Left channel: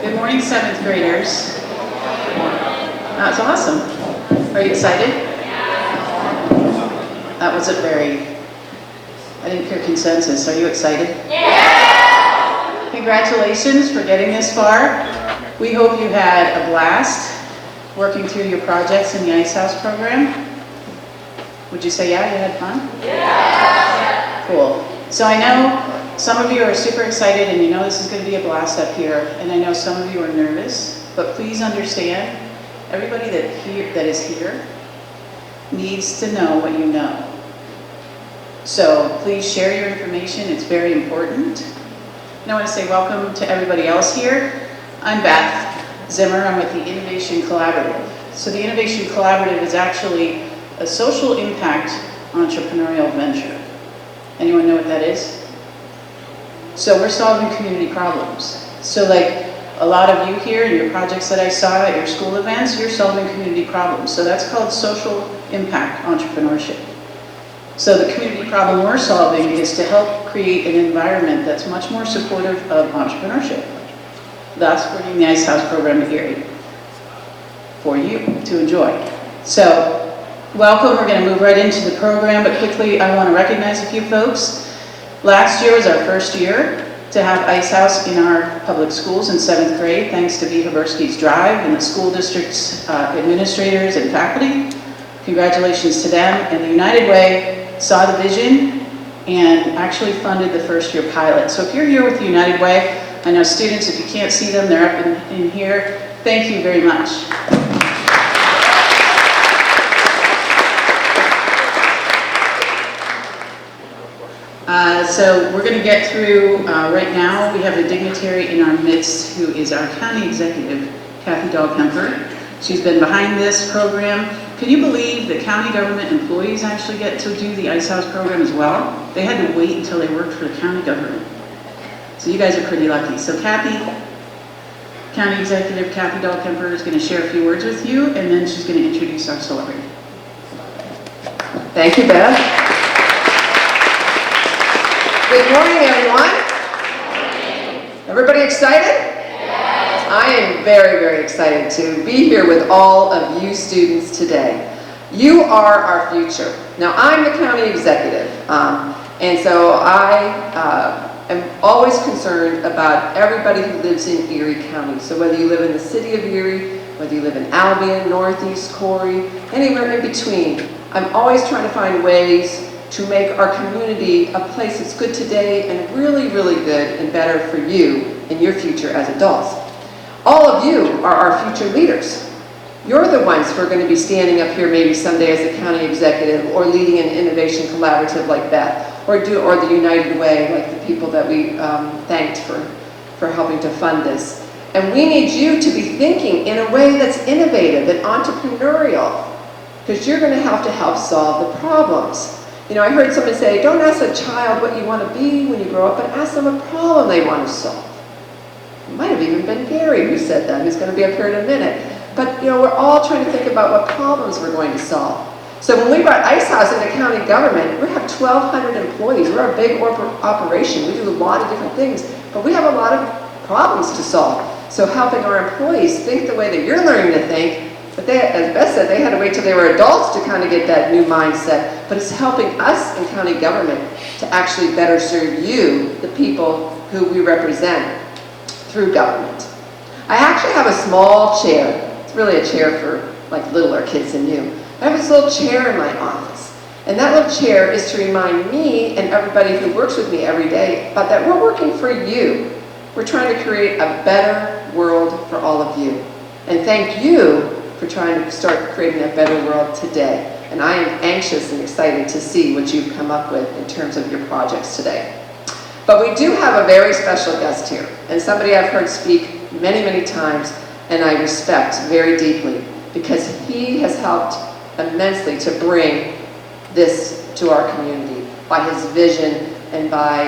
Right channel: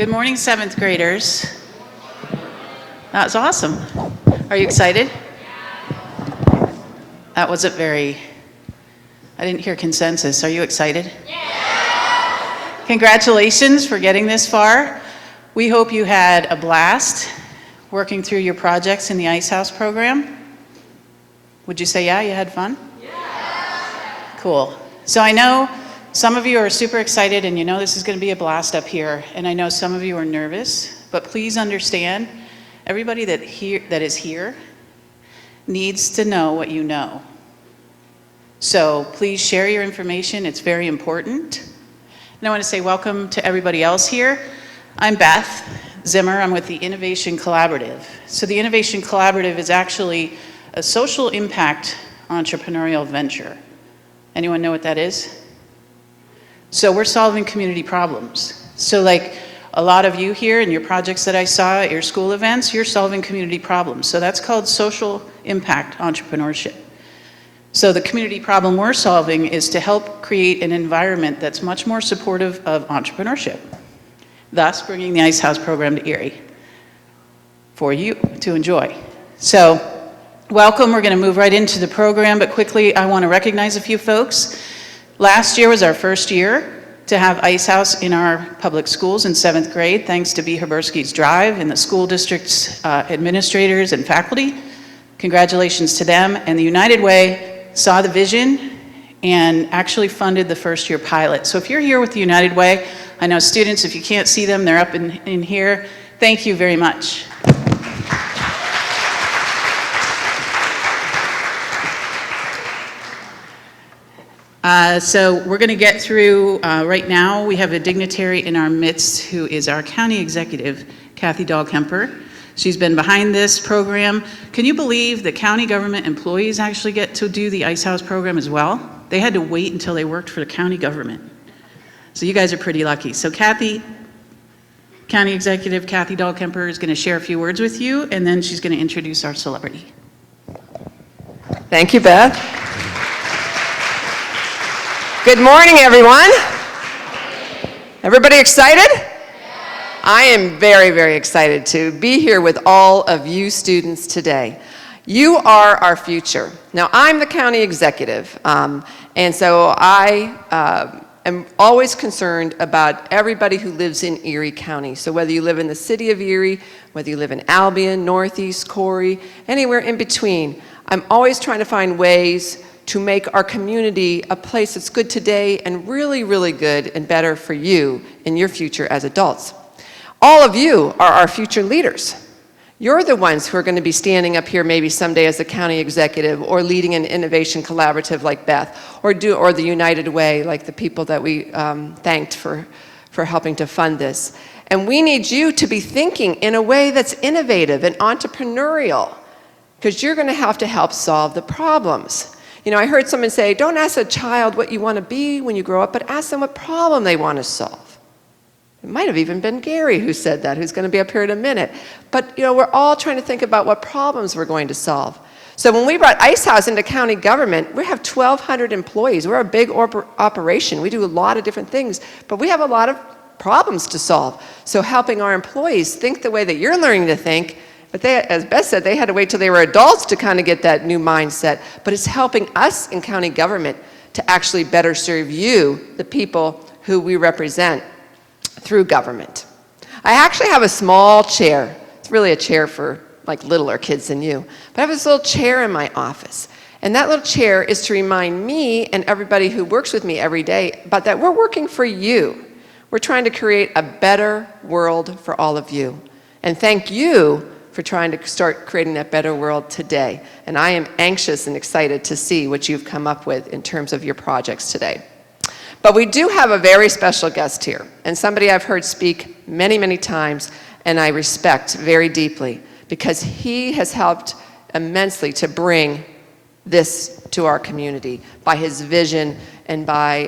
Good morning, 7th graders. That's awesome. Are you excited? That wasn't very, I didn't hear consensus. Are you excited? Yeah! Congratulations for getting this far. We hope you had a blast working through your projects in the Ice House program. Would you say yeah, you had fun? Yeah! Cool. So I know some of you are super excited and you know this is going to be a blast up here, and I know some of you are nervous, but please understand, everybody that is here needs to know what you know. So please share your information, it's very important. And I want to say welcome to everybody else here. I'm Beth Zimmer, I'm with the Innovation Collaborative. So the Innovation Collaborative is actually a social impact entrepreneurial venture. Anyone know what that is? So we're solving community problems. So like a lot of you here in your projects that I saw at your school events, you're solving community problems. So that's called social impact entrepreneurship. So the community problem we're solving is to help create an environment that's much more supportive of entrepreneurship. Thus bringing the Ice House program to Erie for you to enjoy. So welcome, we're gonna move right into the program, but quickly I wanna recognize a few folks. Last year was our first year to have Ice House in our public schools in 7th grade, thanks to B. Habersky's Drive and the school district's administrators and faculty. Congratulations to them. And the United Way saw the vision and actually funded the first year pilot. So if you're here with the United Way, I know students, if you can't see them, they're up in here. Thank you very much. So we're going to get through, right now we have a dignitary in our midst who is our county executive, Kathy Dahl-Kemper. She's been behind this program. Can you believe the county government employees actually get to do the Ice House program as well? They had to wait until they worked for the county government. So you guys are pretty lucky. So Kathy, county executive Kathy Dahl-Kemper is going to share a few words with you, and then she's going to introduce our celebrity. Thank you, Beth. Good morning, everyone. Everybody excited? Yes. I am very, very excited to be here with all of you students today. You are our future. Now, I'm the county executive, and so I am always concerned about everybody who lives in Erie County. So whether you live in the city of Erie, whether you live in Albion, Northeast, Corey, anywhere in between, I'm always trying to find ways to make our community a place that's good today and really, really good and better for you in your future as adults. All of you are our future leaders. You're the ones who are going to be standing up here maybe someday as a county executive or leading an innovation collaborative like Beth, or the United Way, like the people that we thanked for helping to fund this. And we need you to be thinking in a way that's innovative and entrepreneurial, because you're going to have to help solve the problems. You know, I heard someone say, don't ask a child what you want to be when you grow up, but ask them what problem they want to solve. It might have even been Gary who said that, who's going to be up here in a minute. But, you know, we're all trying to think about what problems we're going to solve. So when we brought Ice House into county government, we have 1,200 employees. We're a big operation. We do a lot of different things, but we have a lot of problems to solve. So helping our employees think the way that you're learning to think, but they, as Beth said, they had to wait till they were adults to kind of get that new mindset. But it's helping us in county government to actually better serve you, the people who we represent, through government. I actually have a small chair. It's really a chair for like littler kids than you. But I have this little chair in my office. And that little chair is to remind me and everybody who works with me every day about that we're working for you. We're trying to create a better world for all of you. And thank you for trying to start creating that better world today. And I am anxious and excited to see what you've come up with in terms of your projects today. But we do have a very special guest here, and somebody I've heard speak many, many times, and I respect very deeply, because he has helped immensely to bring this to our community by his vision and by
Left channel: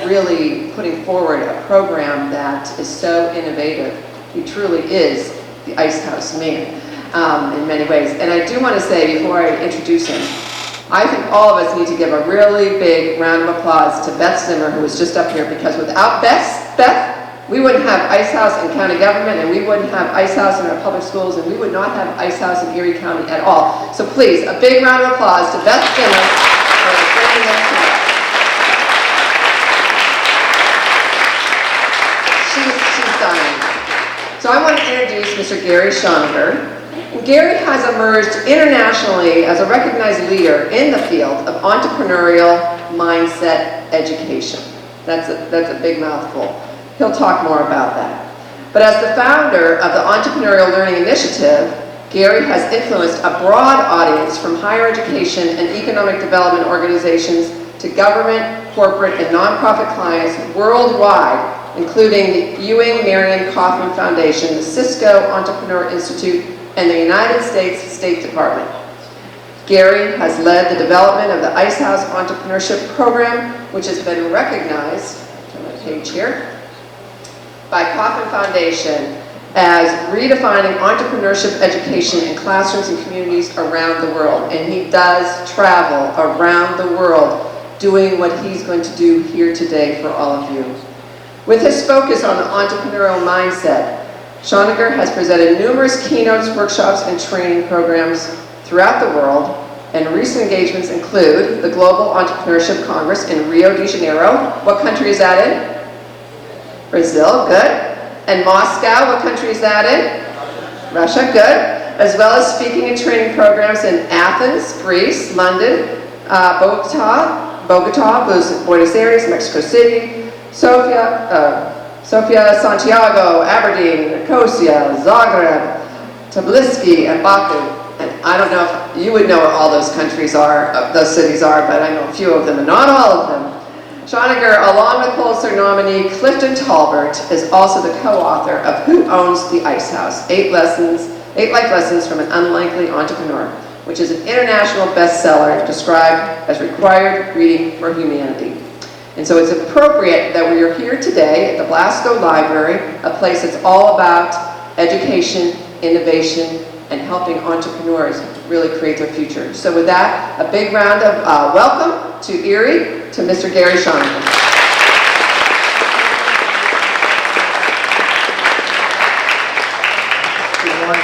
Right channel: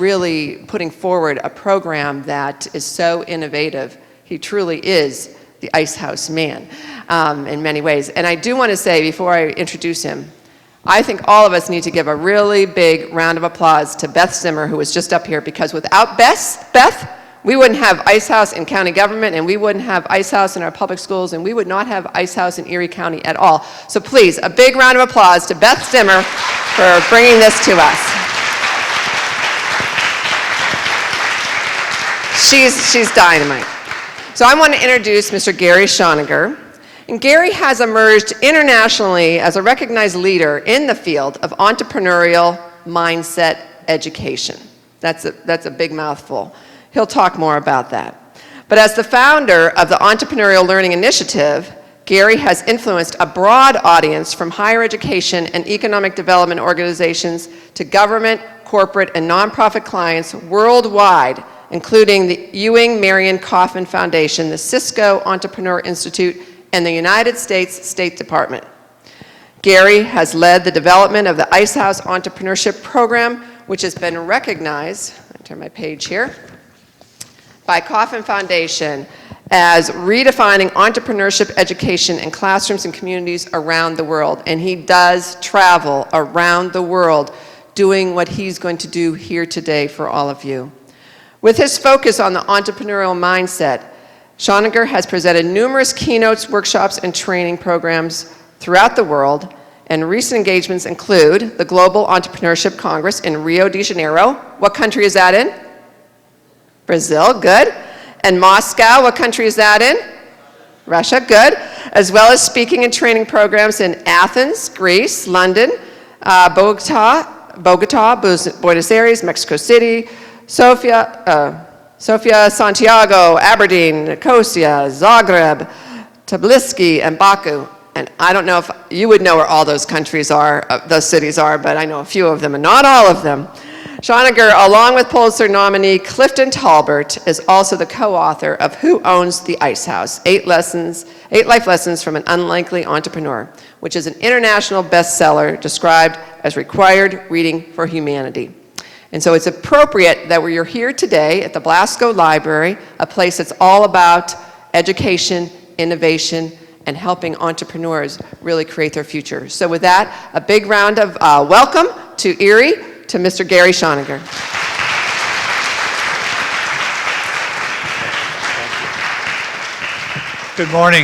really putting forward a program that is so innovative. He truly is the Ice House man in many ways. And I do want to say, before I introduce him, I think all of us need to give a really big round of applause to Beth Zimmer, who was just up here, because without Beth, We wouldn't have Ice House in county government, and we wouldn't have Ice House in our public schools, and we would not have Ice House in Erie County at all. So please, a big round of applause to Beth Stimmer for bringing this to us. She's dynamite. So I want to introduce Mr. Gary Schoninger. And Gary has emerged internationally as a recognized leader in the field of entrepreneurial mindset education. That's a big mouthful. He'll talk more about that. But as the founder of the Entrepreneurial Learning Initiative, Gary has influenced a broad audience from higher education and economic development organizations to government, corporate, and nonprofit clients worldwide, including the Ewing Marion Kauffman Foundation, the Cisco Entrepreneur Institute, and the United States State Department. Gary has led the development of the Ice House Entrepreneurship Program, which has been recognized, I'll turn my page here, by Kauffman Foundation as redefining entrepreneurship education in classrooms and communities around the world. And he does travel around the world doing what he's going to do here today for all of you. With his focus on the entrepreneurial mindset, Schoninger has presented numerous keynotes, workshops, and training programs throughout the world, and recent engagements include the Global Entrepreneurship Congress in Rio de Janeiro. What country is that in? Brazil, good. And Moscow, what country is that in? Russia, good. As well as speaking and training programs in Athens, Greece, London, Bogota, Buenos Aires, Mexico City, Sofia, Santiago, Aberdeen, Nicosia, Zagreb, Tbilisi, and Baku. And I don't know if you would know where all those countries are, those cities are, but I know a few of them, and not all of them. Schoninger, along with Pulitzer nominee Clifton Talbert, is also the co-author of Who Owns the Ice House? 8 Life Lessons from an Unlikely Entrepreneur, which is an international bestseller described as required reading for humanity. And so it's appropriate that we are here today at the Blasco Library, a place that's all about education, innovation, and helping entrepreneurs really create their future. So with that, a big round of welcome to Erie, to Mr. Gary Schoninger. Good morning.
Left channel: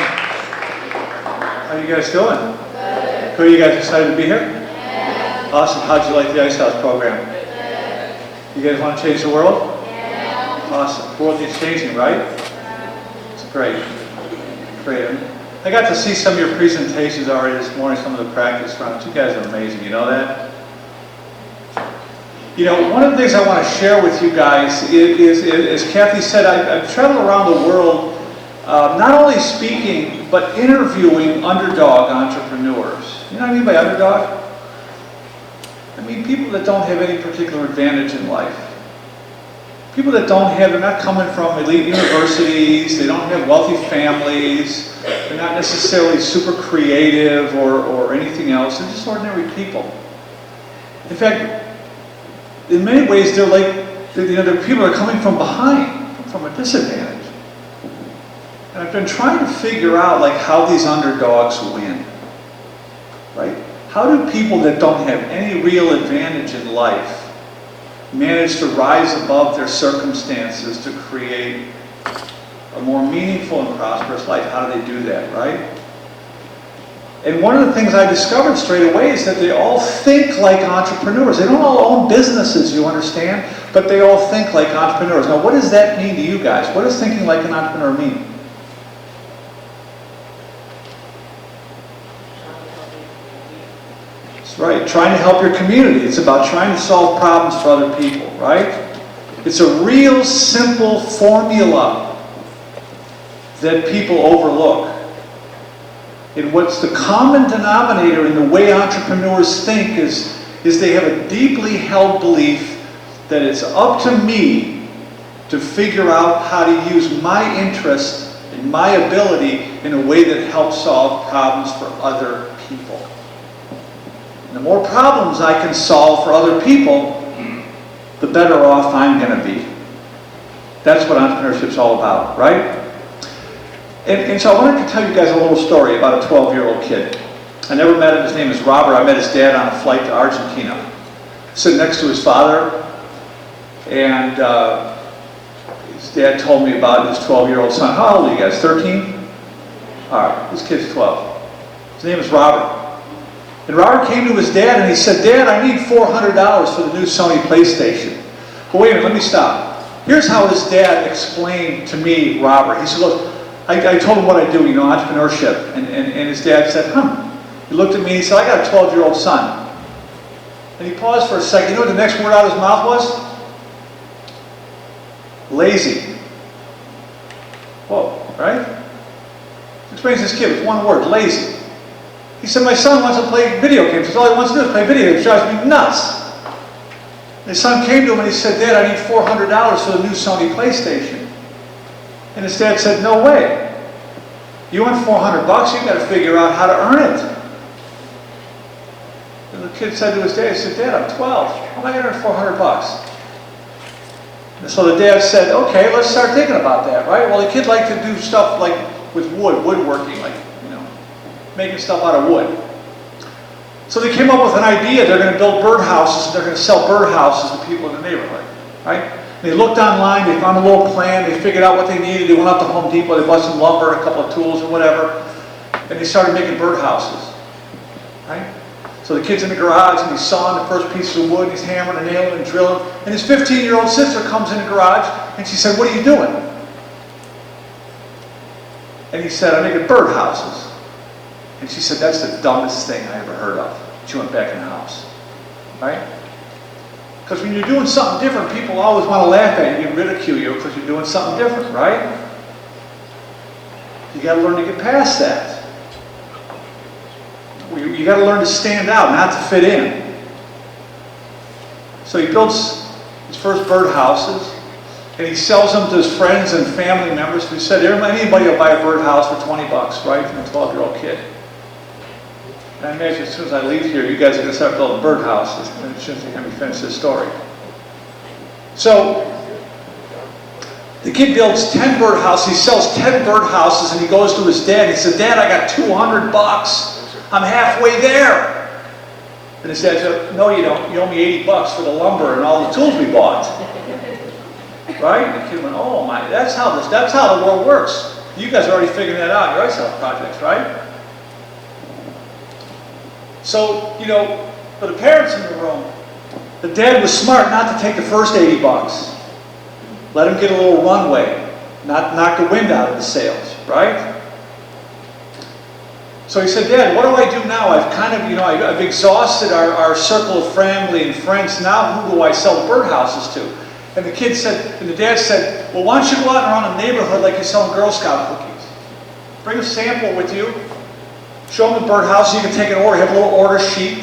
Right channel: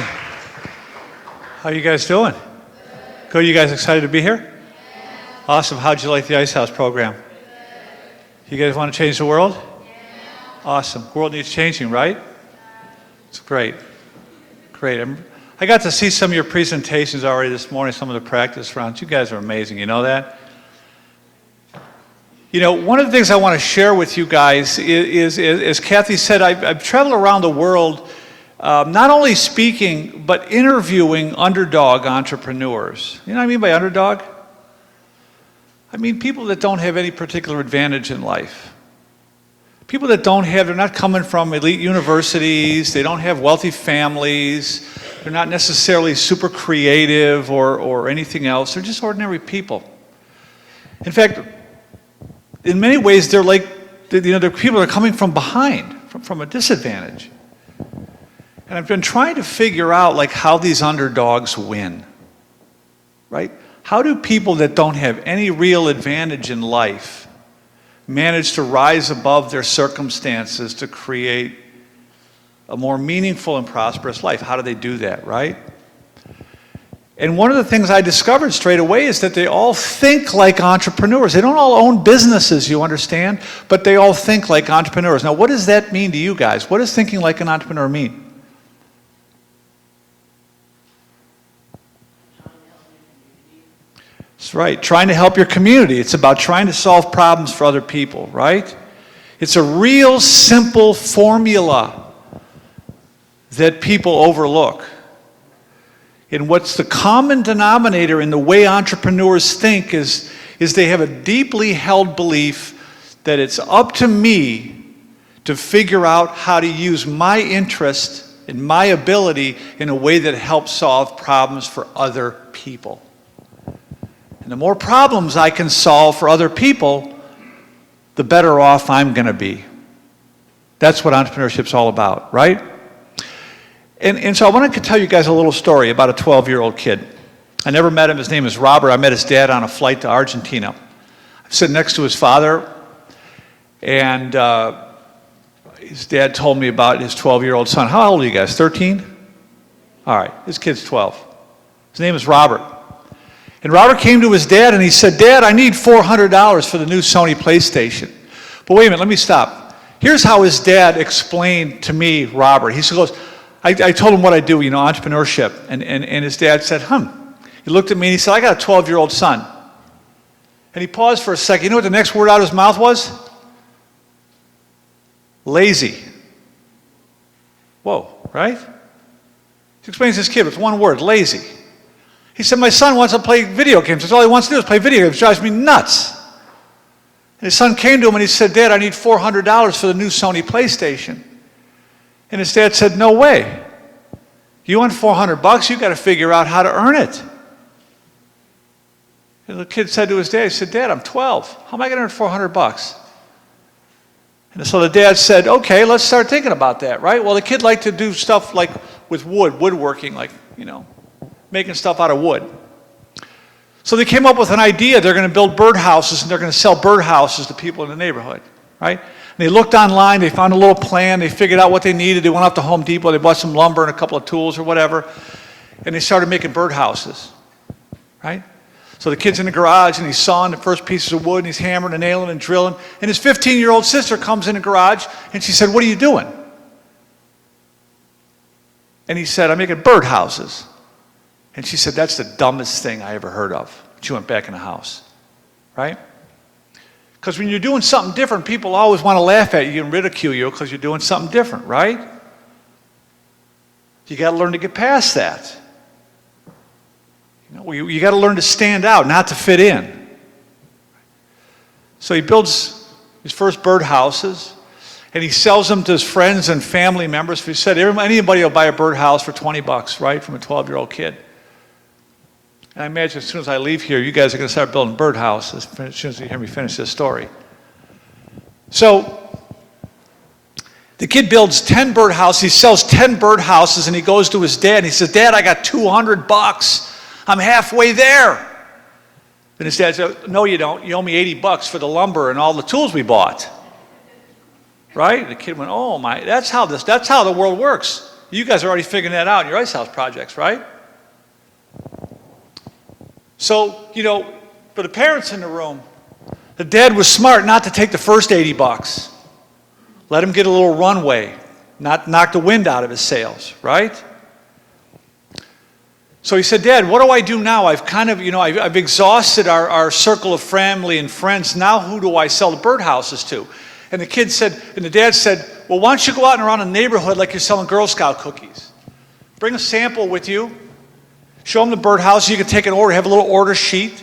How you guys doing? Good. Good. You guys excited to be here? Yeah. Awesome. How'd you like the Ice House program? Good. You guys want to change the world? Yeah. Awesome. The world needs changing, right? It's great. Great. I got to see some of your presentations already this morning, some of the practice rounds. You guys are amazing. You know that? You know, one of the things I want to share with you guys is as Kathy said, I've traveled around the world, not only speaking, but interviewing underdog entrepreneurs. You know what I mean by underdog? I mean people that don't have any particular advantage in life. People that they're not coming from elite universities, they don't have wealthy families, they're not necessarily super creative or anything else, they're just ordinary people. In fact, in many ways, they're like, they're people that are coming from behind, from a disadvantage. And I've been trying to figure out like how these underdogs win, right? How do people that don't have any real advantage in life manage to rise above their circumstances to create a more meaningful and prosperous life? How do they do that, right? And one of the things I discovered straight away is that they all think like entrepreneurs. They don't all own businesses, you understand? But they all think like entrepreneurs. Now, what does that mean to you guys? What does thinking like an entrepreneur mean? That's right. Trying to help your community. It's about trying to solve problems for other people, right? It's a real simple formula that people overlook. And what's the common denominator in the way entrepreneurs think is they have a deeply held belief that it's up to me to figure out how to use my interest and my ability in a way that helps solve problems for other people. And the more problems I can solve for other people, the better off I'm going to be. That's what entrepreneurship's all about, right? And so I wanted to tell you guys a little story about a 12-year-old kid. I never met him. His name is Robert. I met his dad on a flight to Argentina. Sitting next to his father, and his dad told me about his 12-year-old son. How old are you guys, 13? All right, this kid's 12. His name is Robert. And Robert came to his dad and he said, Dad, I need $400 for the new Sony PlayStation. But wait a minute, let me stop. Here's how his dad explained to me, Robert. He said, look, I told him what I do, entrepreneurship. And his dad said, He looked at me and he said, I got a 12-year-old son. And he paused for a second. You know what the next word out of his mouth was? Lazy. Whoa, right? He explains to this kid with one word, lazy. He said, my son wants to play video games. That's all he wants to do is play video games. It drives me nuts. His son came to him and he said, Dad, I need $400 for the new Sony PlayStation. And his dad said, no way. You want $400? You got to figure out how to earn it. And the kid said to his dad, he said, Dad, I'm 12. How am I going to earn $400? And so the dad said, okay, let's start thinking about that, right? Well, the kid liked to do stuff like with woodworking, like, making stuff out of wood. So they came up with an idea. They're going to build birdhouses, and they're going to sell birdhouses to people in the neighborhood, right? And they looked online, they found a little plan, they figured out what they needed, they went up to Home Depot, they bought some lumber and a couple of tools or whatever, and they started making birdhouses, right? So the kid's in the garage, and he's sawing the first pieces of wood, and he's hammering and nailing and drilling, and his 15-year-old sister comes in the garage, and she said, what are you doing? And he said, I'm making birdhouses. And she said, that's the dumbest thing I ever heard of. She went back in the house, right? Because when you're doing something different, people always want to laugh at you and ridicule you because you're doing something different, right? You got to learn to get past that. You got to learn to stand out, not to fit in. So he builds his first birdhouses, and he sells them to his friends and family members. He said, anybody will buy a birdhouse for $20, right, from a 12-year-old kid. I imagine as soon as I leave here, you guys are going to start building birdhouses as soon as you hear me finish this story. So, the kid builds 10 birdhouses. He sells 10 birdhouses, and he goes to his dad. He says, Dad, I got $200. I'm halfway there. And his dad said, no, you don't. You owe me $80 for the lumber and all the tools we bought. Right? And the kid went, oh my, that's how the world works. You guys are already figuring that out in your ice house projects, right? So, for the parents in the room, the dad was smart not to take the first $80. Let him get a little runway, not knock the wind out of his sails, right? So he said, Dad, what do I do now? I've kind of, I've exhausted our circle of family and friends. Now who do I sell birdhouses to? And the dad said, well, why don't you go out and around the neighborhood like you're selling Girl Scout cookies? Bring a sample with you. Show them the birdhouse. You can take an order, have a little order sheet,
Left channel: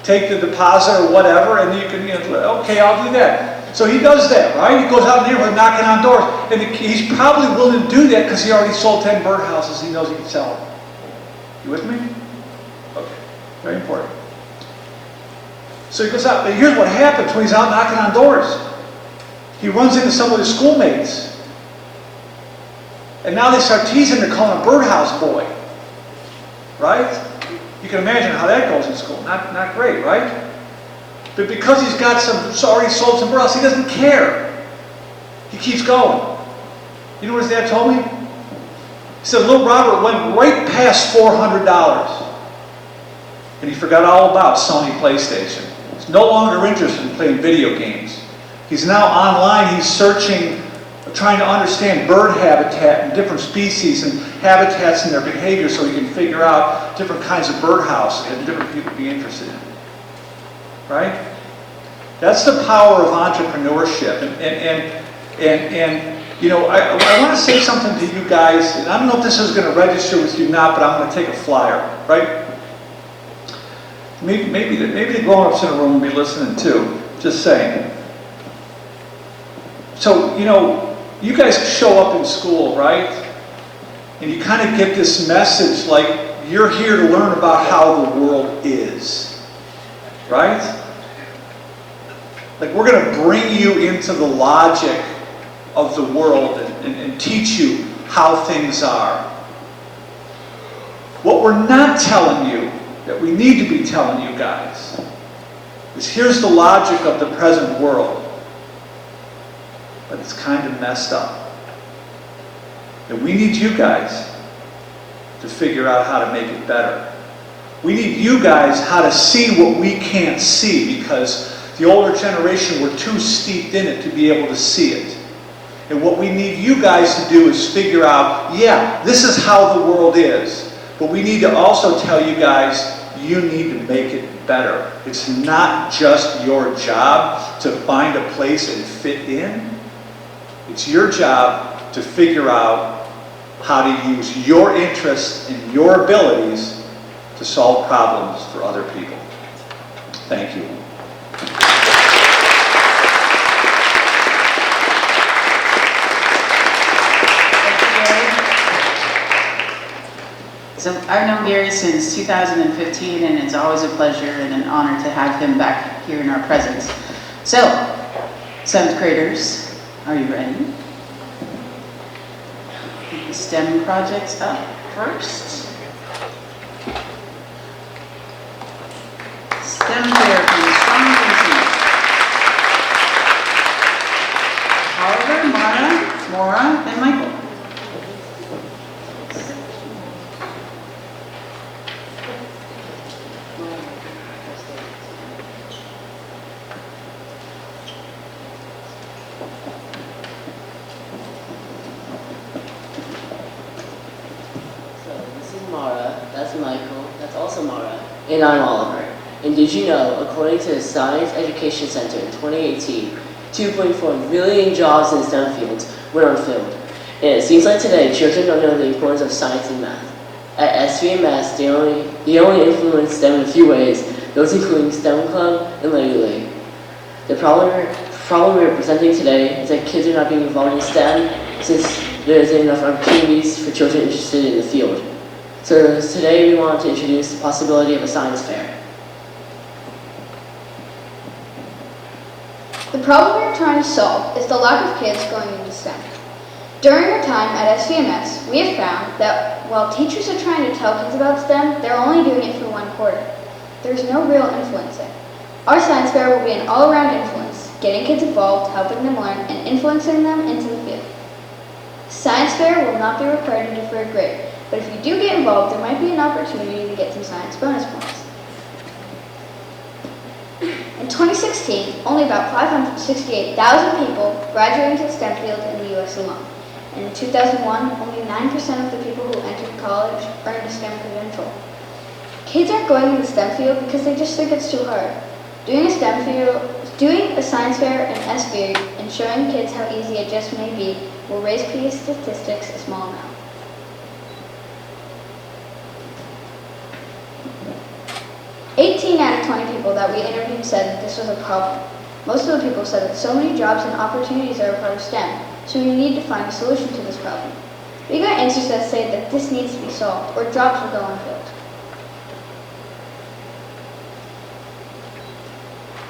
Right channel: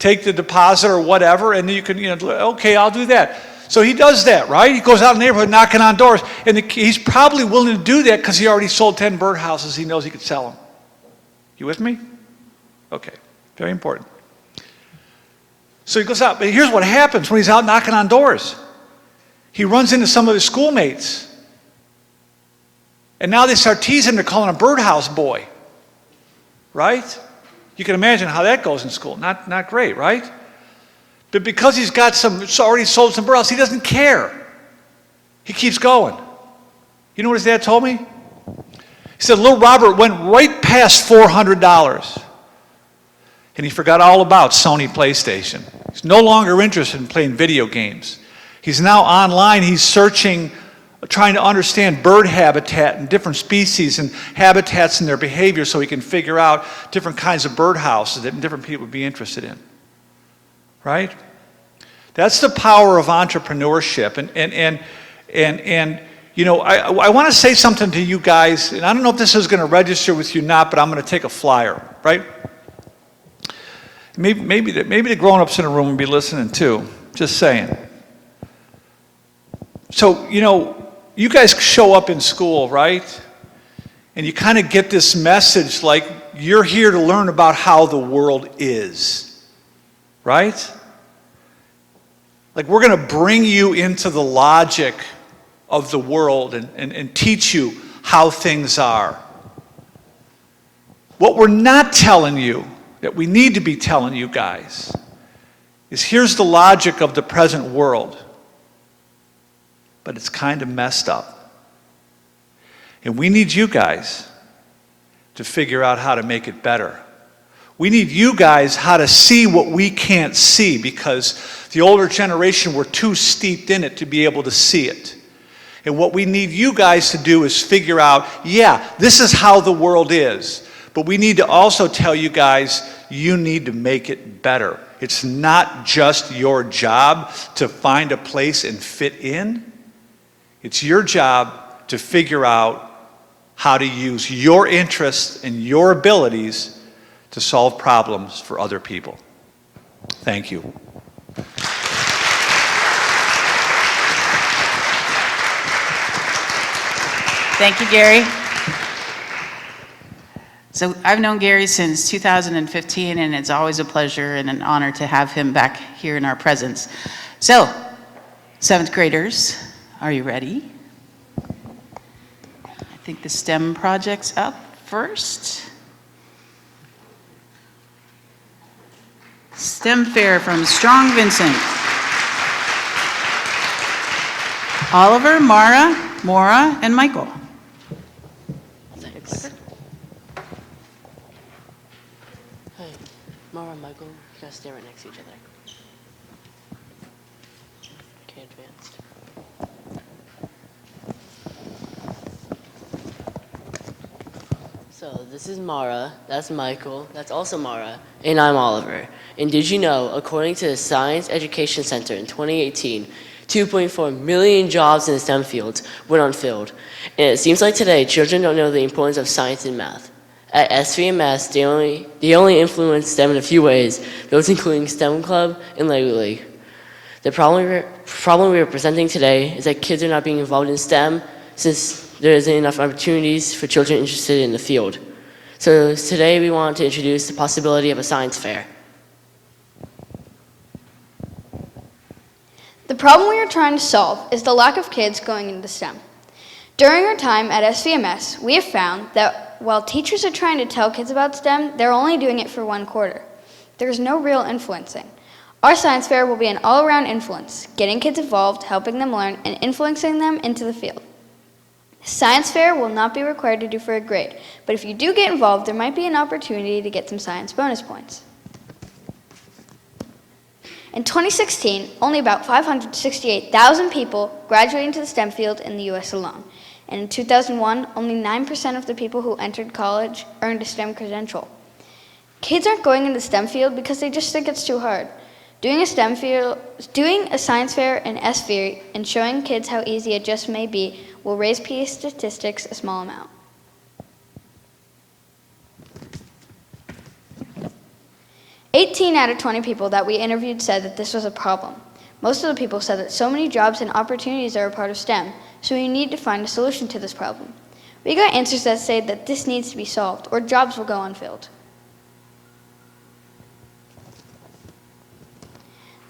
take the deposit or whatever, and then you can, okay, I'll do that. So he does that, right? He goes out in the neighborhood knocking on doors, and he's probably willing to do that because he already sold 10 birdhouses. He knows he can sell them. You with me? Okay, very important. So he goes out, but here's what happens when he's out knocking on doors. He runs into some of his schoolmates, and now they start teasing him. They're calling him Birdhouse Boy. Right? You can imagine how that goes in school. Not great, right? But because he's already sold some birdhouses, he doesn't care. He keeps going. You know what his dad told me? He said, little Robert went right past $400. And he forgot all about Sony PlayStation. He's no longer interested in playing video games. He's now online. He's searching, trying to understand bird habitat and different species and habitats and their behavior so he can figure out different kinds of birdhouses that different people would be interested in. Right? That's the power of entrepreneurship. I want to say something to you guys, and I don't know if this is going to register with you or not, but I'm going to take a flyer, right? Maybe the grown-ups in the room will be listening too. Just saying. So, you guys show up in school, right? And you kind of get this message like you're here to learn about how the world is, right? Like we're going to bring you into the logic of the world and teach you how things are. What we're not telling you, that we need to be telling you guys, is here's the logic of the present world. but it's kind of messed up. And we need you guys to figure out how to make it better. We need you guys how to see what we can't see, because the older generation were too steeped in it to be able to see it. And what we need you guys to do is figure out, yeah, this is how the world is. But we need to also tell you guys, you need to make it better. It's not just your job to find a place and fit in. It's your job to figure out how to use your interests and your abilities to solve problems for other people. Thank you. Thank you, Gary. So I've known Gary since 2015, and it's always a pleasure and an honor to have him back here in our presence. So, 7th graders, are you ready? Take the STEM projects up first. STEM fair from Strong Vincent. Oliver, Mara, Maura, and Michael. And I'm Oliver. And did you know, according to the Science Education Center in 2018, 2.4 million jobs in STEM fields went unfilled. And it seems like today, children don't know the importance of science and math. At SVMS, they only influence STEM in a few ways, those including STEM Club and Lego League. The problem we are presenting today is that kids are not being involved in STEM since there isn't enough opportunities for children interested in the field. So today we want to introduce the possibility of a science fair. The problem we are trying to solve is the lack of kids going into STEM. During our time at SVMS, we have found that while teachers are trying to tell kids about STEM, they're only doing it for 1 quarter. There's no real influencing. Our science fair will be an all-around influence, getting kids involved, helping them learn, and influencing them into the field. Science fair will not be required to do for a grade, but if you do get involved, there might be an opportunity to get some science bonus points. In 2016, only about 568,000 people graduated into the STEM field in the U.S. alone. And in 2001, only 9% of the people who entered college earned a STEM credential. Kids aren't going in the STEM field because they just think it's too hard. Doing a science fair in SVERI and showing kids how easy it just may be will raise PE statistics a small amount. "18 out of 20 people that we interviewed said that this was a problem. Most of the people said that so many jobs and opportunities are a part of STEM, so we need to find a solution to this problem. We got answers that say that this needs to be solved, or jobs will go unfilled.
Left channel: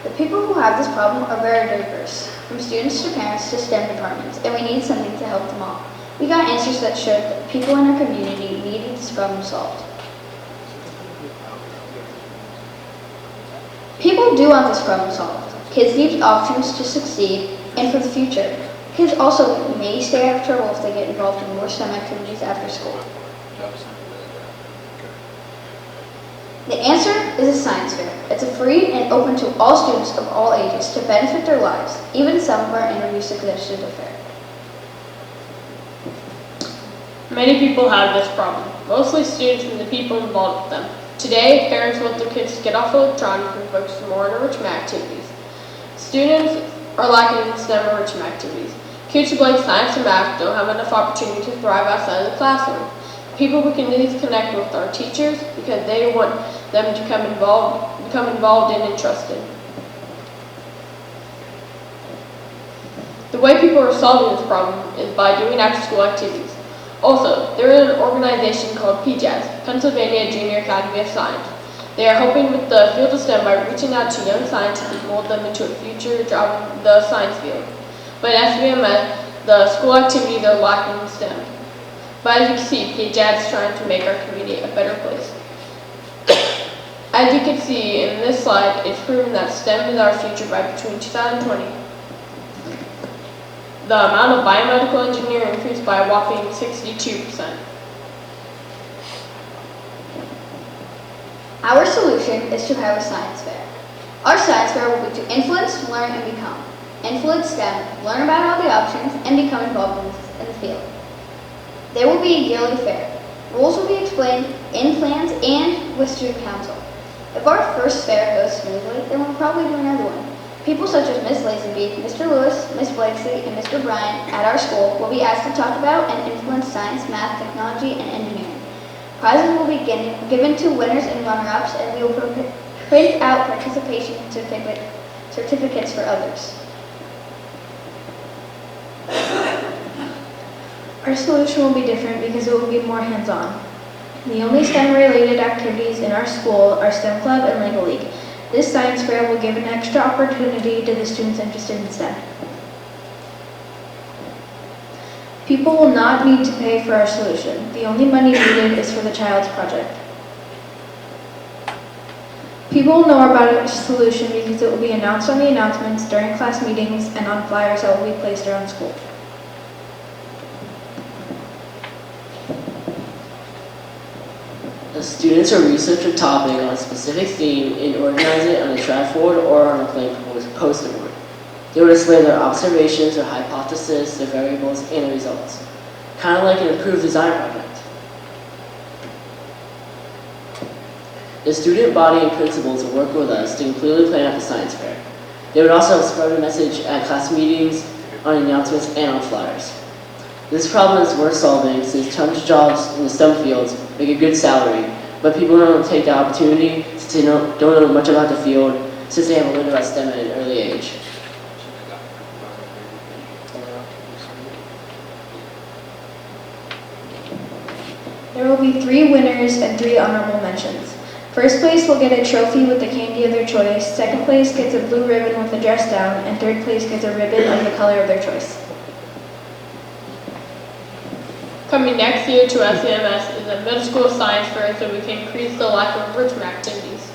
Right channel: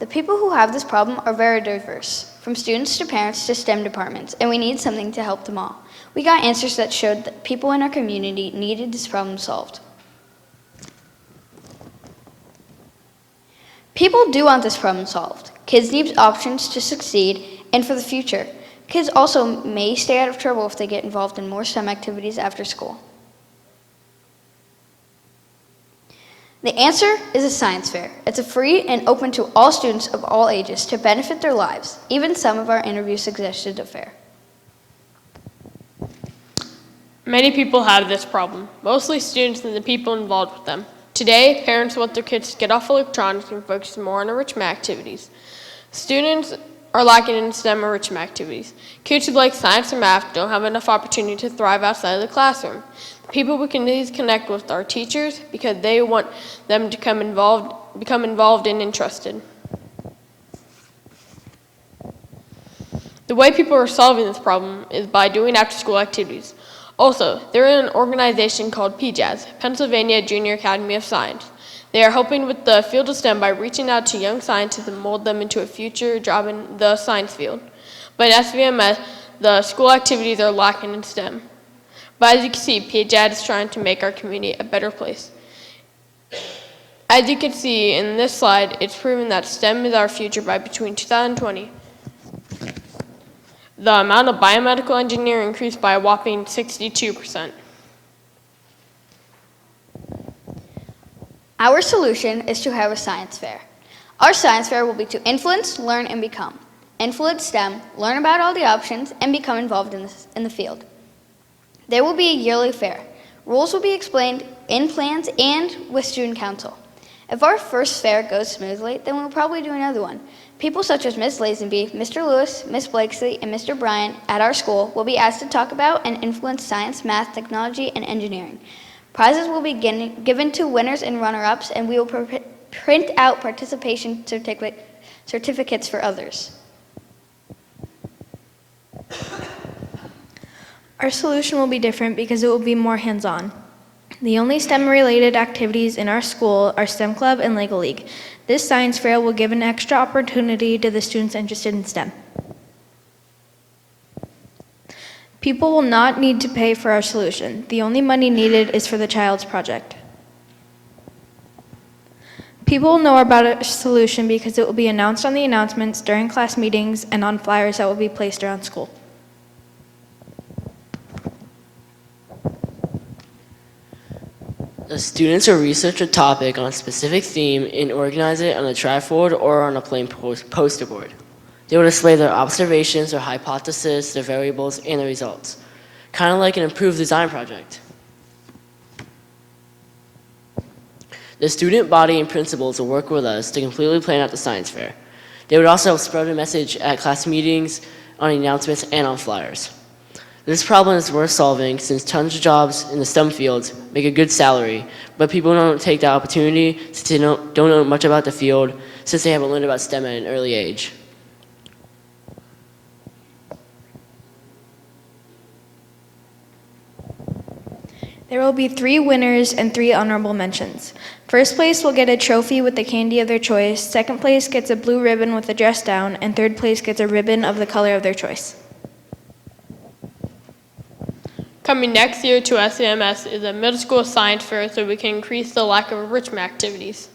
The people who have this problem are very diverse, from students to parents to STEM departments, and we need something to help them all. We got answers that showed that people in our community needed this problem solved. People do want this problem solved. Kids need options to succeed and for the future. Kids also may stay out of trouble if they get involved in more STEM activities after school. The answer is a science fair. It's a free and open to all students of all ages to benefit their lives. Even some of our interviews suggested a fair. Many people have this problem, mostly students and the people involved with them. Today, parents want their kids to get off electronics and focus more on enrichment activities. Students are lacking in STEM enrichment activities. Kids who like science and math don't have enough opportunity to thrive outside of the classroom. People we can always connect with are teachers because they want them to become involved and interested. The way people are solving this problem is by doing after-school activities. Also, there is an organization called PJAS, Pennsylvania Junior Academy of Science. They are helping with the field of STEM by reaching out to young scientists and mold them into a future job in the science field. But at SVMS, the school activities are lacking in STEM. But as you can see, PJAS is trying to make our community a better place. As you can see in this slide, it's proven that STEM is our future by between 2020. The amount of biomedical engineering increased by a whopping 62%. Our solution is to have a science fair. Our science fair will be to influence, learn, and become. Influence STEM, learn about all the options, and become involved in the field. There will be a yearly fair. Rules will be explained in plans and with student council. If our first fair goes smoothly, then we'll probably do another one. People such as Ms. Lazenby, Mr. Lewis, Ms. Blakeslee, and Mr. Bryant at our school will be asked to talk about and influence science, math, technology, and engineering. Prizes will be given to winners and runner-ups, and we will print out participation certificates for others. Our solution will be different because it will be more hands-on. The only STEM-related activities in our school are STEM Club and Lego League. This science fair will give an extra opportunity to the students interested in STEM. People will not need to pay for our solution. The only money needed is for the child's project. People will know about our solution because it will be announced on the announcements during class meetings and on flyers that will be placed around school. The students will research a topic on a specific theme and organize it on a chalkboard or on a plain poster board. They will display their observations, their hypotheses, their variables, and the results. Kind of like an improved design project. The student body and principals will work with us to completely plan out the science fair. They would also spread a message at class meetings, on announcements, and on flyers. This problem is worth solving since tons of jobs in the STEM fields make a good salary, but people don't take the opportunity since they don't know much about the field since they haven't learned about STEM at an early age. There will be 3 winners and 3 honorable mentions. First place will get a trophy with the candy of their choice, second place gets a blue ribbon with a dress down, and third place gets a ribbon of the color of their choice. Coming next year to SCMS is a middle school science fair so we can increase the lack of enrichment activities.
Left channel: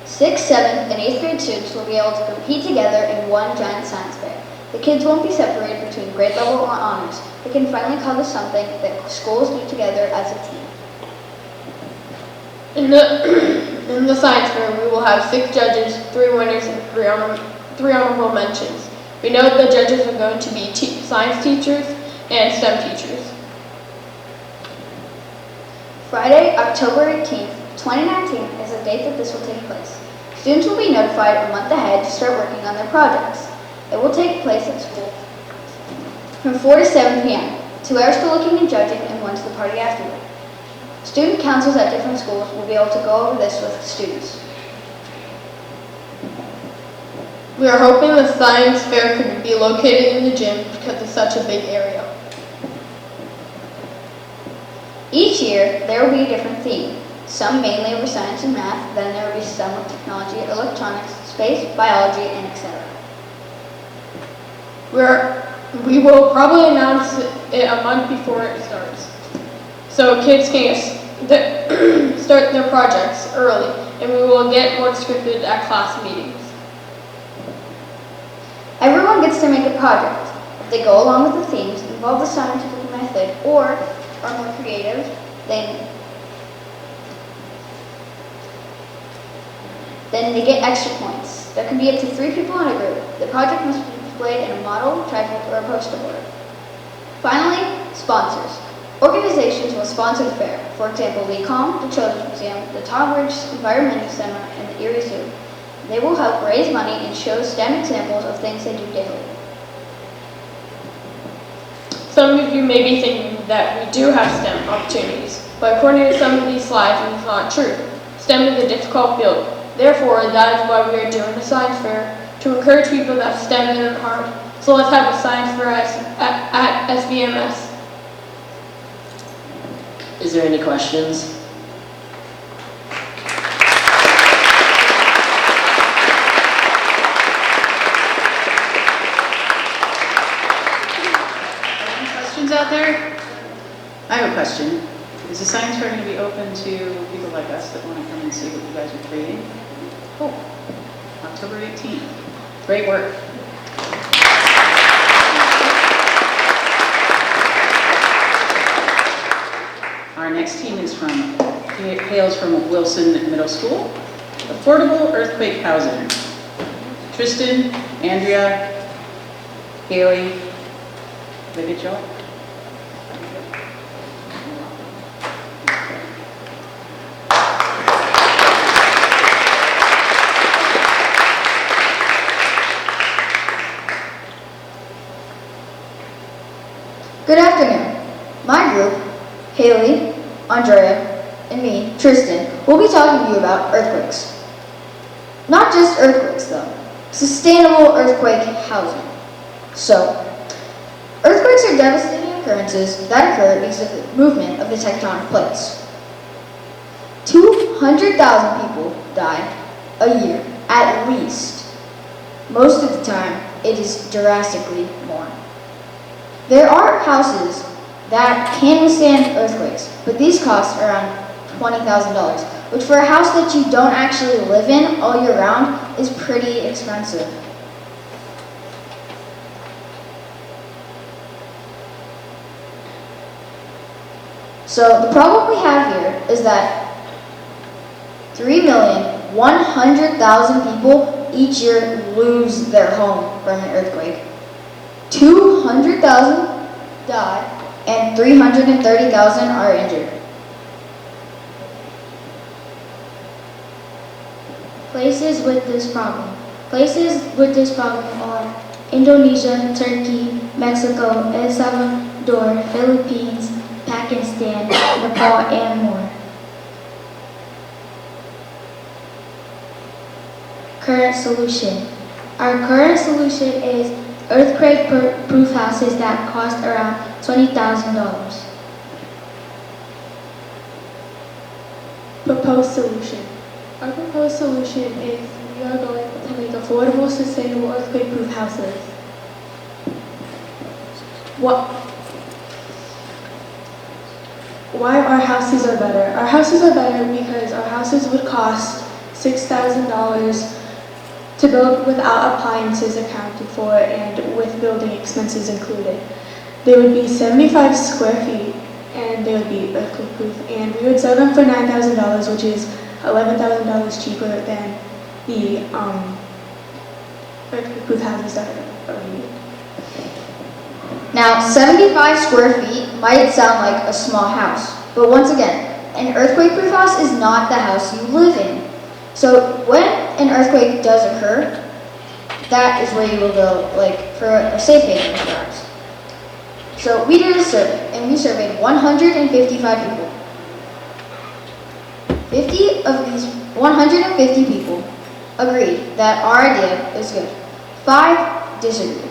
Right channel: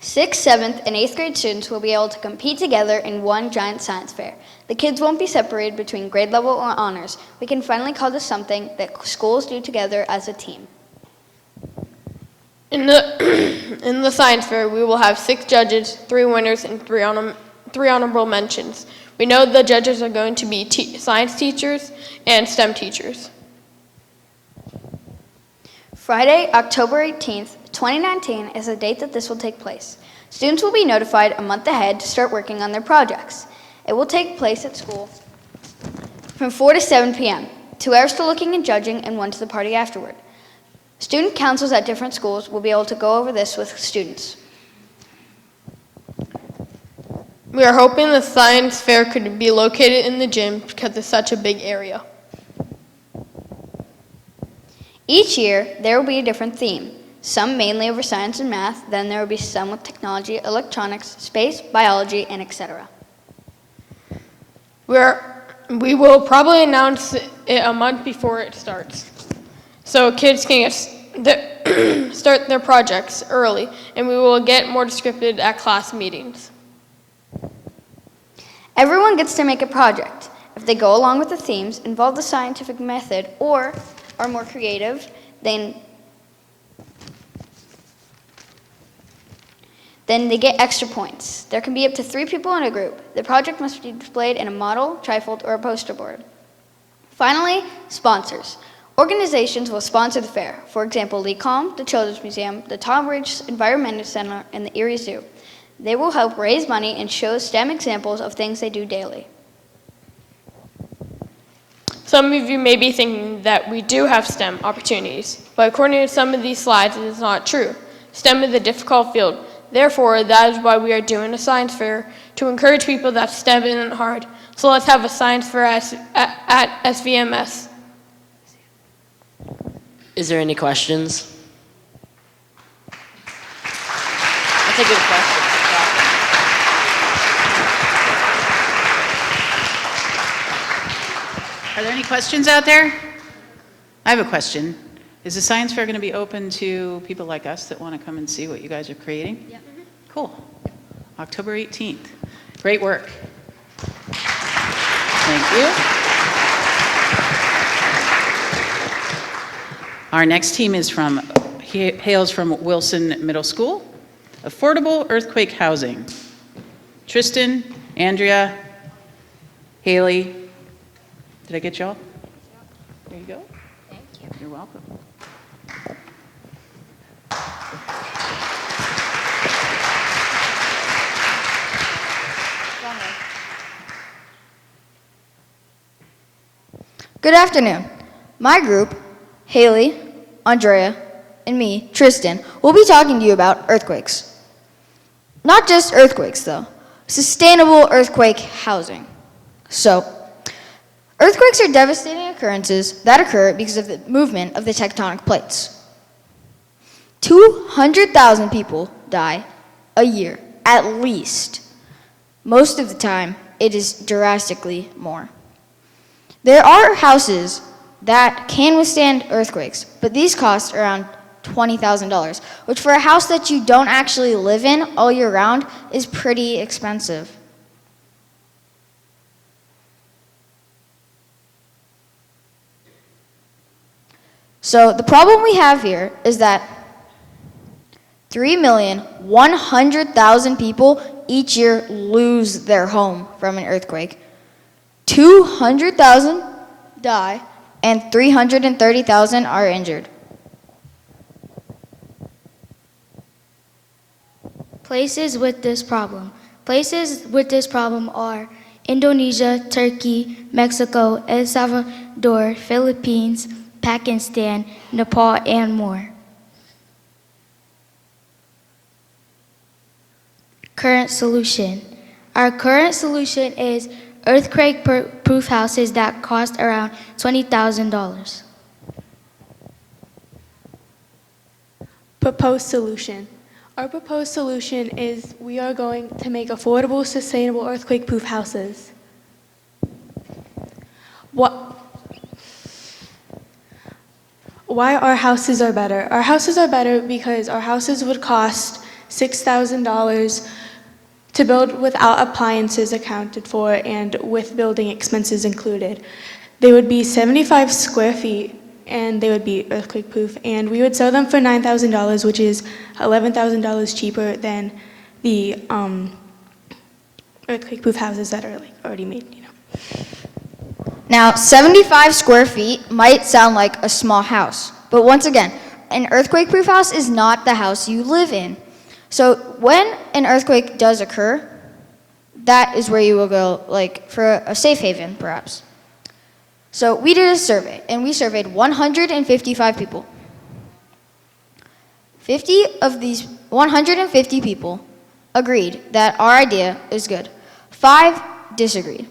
6th, 7th, and 8th grade students will be able to compete together in one giant science fair. The kids won't be separated between grade level or honors. We can finally call this something that schools do together as a team. In the science fair, we will have 6 judges, 3 winners, and 3 honorable mentions. We know the judges are going to be science teachers and STEM teachers. Friday, October 18th, 2019 is the date that this will take place. Students will be notified a month ahead to start working on their projects. It will take place at school from 4 to 7 p.m., 2 hours to looking and judging, and 1 to the party afterward. Student councils at different schools will be able to go over this with students. We are hoping the science fair could be located in the gym because it's such a big area. Each year, there will be a different theme, some mainly over science and math, then there will be some with technology, electronics, space, biology, and etc. We will probably announce it a month before it starts, so kids can start their projects early, and we will get more descriptive at class meetings. Everyone gets to make a project. If they go along with the themes, involve the scientific method, or are more creative, then they get extra points. There can be up to 3 people in a group. The project must be displayed in a model, trifold, or a poster board. Finally, sponsors. Organizations will sponsor the fair. For example, LECOM, the Children's Museum, the Tom Ridge Environmental Center, and the Erie Zoo. They will help raise money and show STEM examples of things they do daily. Some of you may be thinking that we do have STEM opportunities, but according to some of these slides, it's not true. STEM is a difficult field. Therefore, that is why we are doing a science fair, to encourage people that STEM isn't hard. So let's have a science fair at SVMS. Is there any questions? Are there any questions out there? I have a question. Is the science fair going to be open to people like us that want to come and see what you guys are creating? Cool. October 18th. Great work. Thank you. Our next team hails from Wilson Middle School. Affordable earthquake housing. Tristan, Andrea, Haley. Did I get y'all? Good afternoon. My group, Haley, Andrea, and me, Tristan, will be talking to you about earthquakes. Not just earthquakes, though. Sustainable earthquake housing. So, earthquakes are devastating occurrences that occur because of the movement of the tectonic plates. 200,000 people die a year, at least. Most of the time, it is drastically more. There are houses that can withstand earthquakes, but these cost around $20,000, which for a house that you don't actually live in all year round is pretty expensive. So the problem we have here is that 3,100,000 people each year lose their home from an earthquake. 200,000 die and 330,000 are injured. Places with this problem are Indonesia, Turkey, Mexico, El Salvador, Philippines, Pakistan, Nepal, and more. Current solution. Our current solution is earthquake-proof houses that cost around $20,000. Proposed solution. Our proposed solution is we are going to make affordable, sustainable earthquake-proof houses. Why our houses are better? Our houses are better because our houses would cost $6,000 to build without appliances accounted for and with building expenses included. They would be 75 square feet and they would be earthquake proof, and we would sell them for $9,000, which is $11,000 cheaper than the earthquake proof houses that are already made. Now, 75 square feet might sound like a small house, but once again, an earthquake-proof house is not the house you live in. So when an earthquake does occur, that is where you will go, like for a safe haven, perhaps. So we did a survey, and we surveyed 155 people. 50 of these 150 people agreed that our idea is good. 5 disagreed.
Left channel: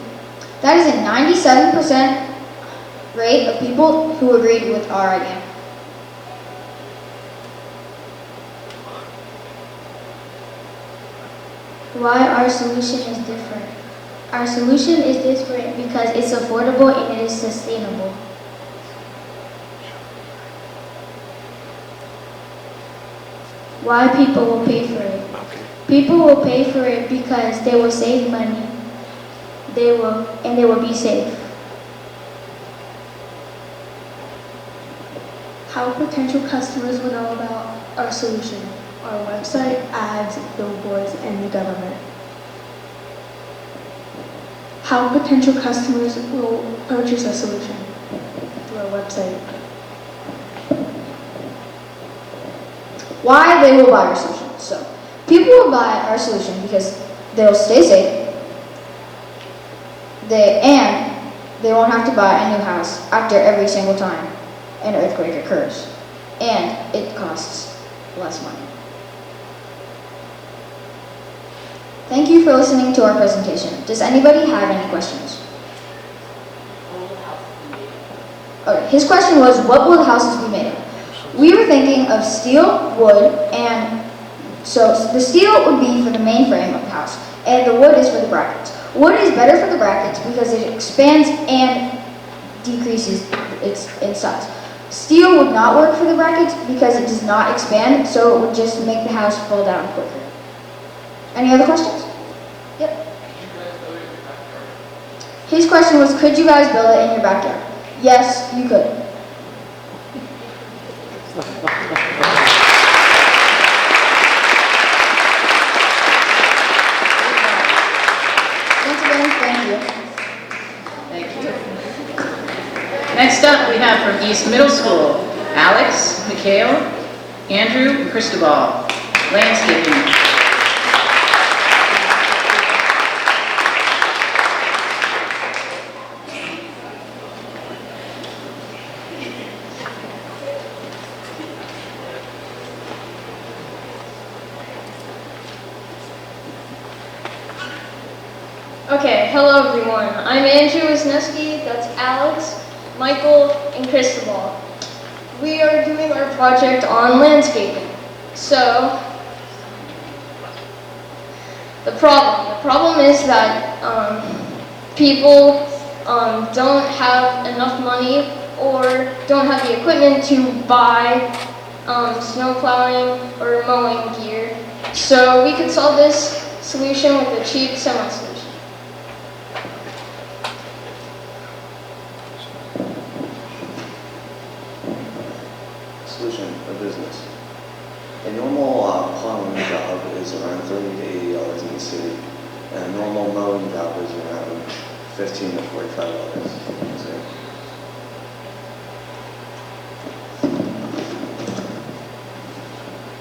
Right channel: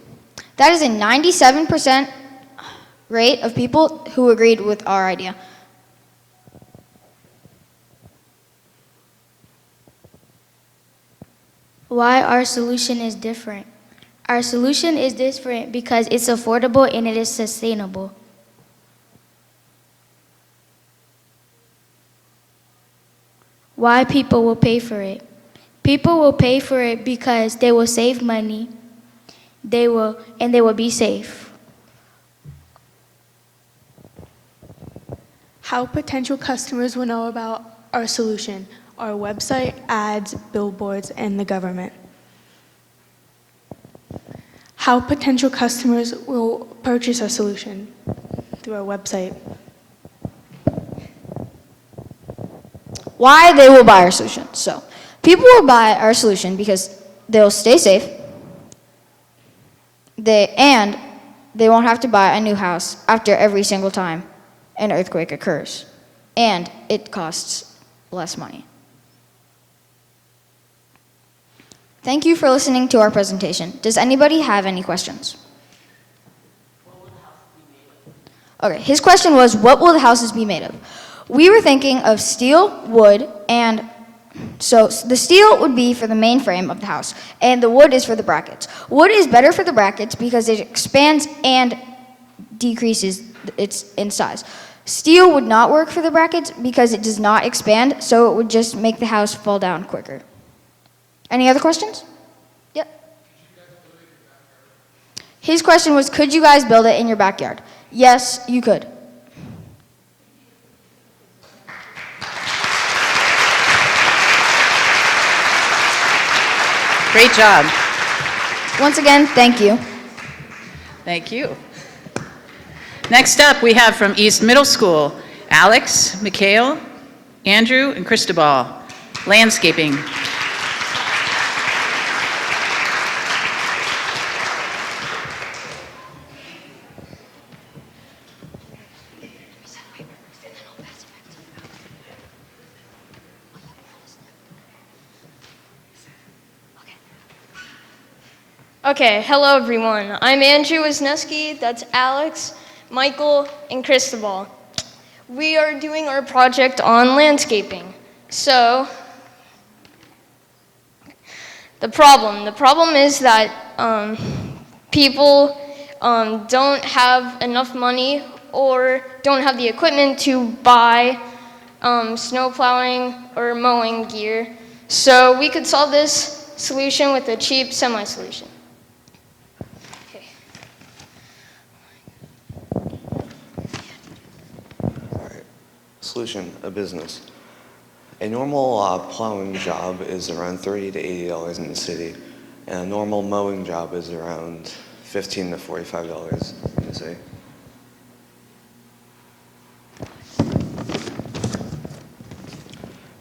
That is a 97% rate of people who agreed with our idea. Why our solution is different. Our solution is different because it's affordable and it is sustainable. Why people will pay for it. People will pay for it because they will save money. They will be safe. How potential customers will know about our solution? Our website, ads, billboards, and the government. How potential customers will purchase our solution? Through our website. Why they will buy our solution. So, people will buy our solution because they will stay safe. They won't have to buy a new house after every single time an earthquake occurs. And it costs less money. Thank you for listening to our presentation. Does anybody have any questions? Okay, his question was, what will the houses be made of? We were thinking of steel, wood, and so the steel would be for the main frame of the house, and the wood is for the brackets. Wood is better for the brackets because it expands and decreases in size. Steel would not work for the brackets because it does not expand, so it would just make the house fall down quicker. Any other questions? Yep. His question was, could you guys build it in your backyard? Yes, you could. Great job. Once again, thank you. Thank you. Next up, we have from East Middle School, Alex, Mikhail, Andrew, and Cristobal. Landscaping. Okay, hello everyone. I'm Andrew Wisniewski, that's Alex, Michael, and Cristobal. We are doing our project on landscaping. So, the problem is that people don't have enough money or don't have the equipment to buy snow plowing or mowing gear. So we could solve this solution with a cheap semi-solution. Solution, a business. A normal plowing job is around $30 to $80 in the city, and a normal mowing job is around $15 to $45 in the city.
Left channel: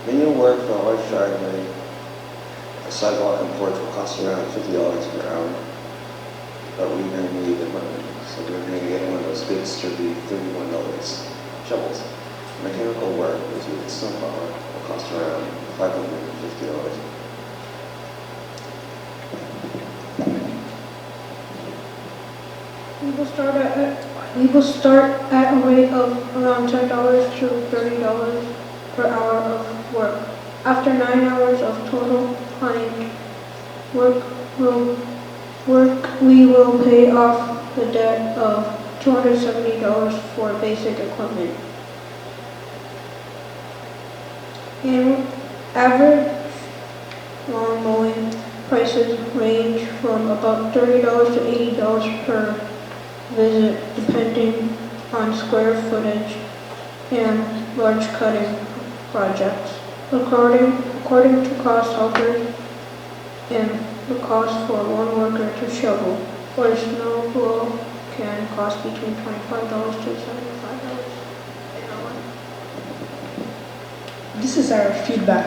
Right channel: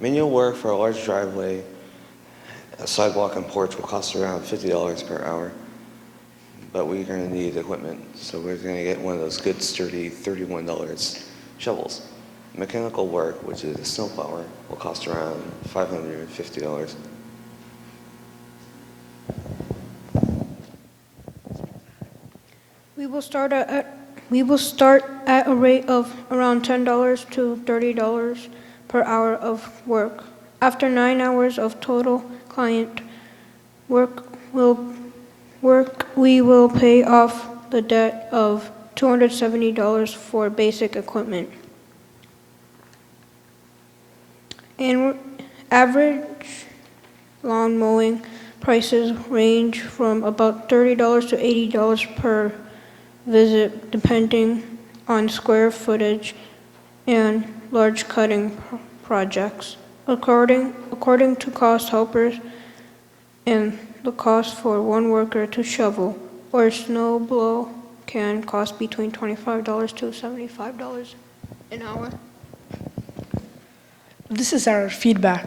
Manual work for a large driveway, a sidewalk and porch will cost around $50 per hour, but we're going to need equipment, so we're going to get one of those good sturdy $31 shovels. Mechanical work, which is snowplower, will cost around $550. We will start at a rate of around $10 to $30 per hour of work. After 9 hours of total client work, we will pay off the debt of $270 for basic equipment. And average lawn mowing prices range from about $30 to $80 per visit, depending on square footage and large cutting projects. According to cost helpers, and the cost for one worker to shovel or snow blow can cost between $25 to $75 an hour. This is our feedback.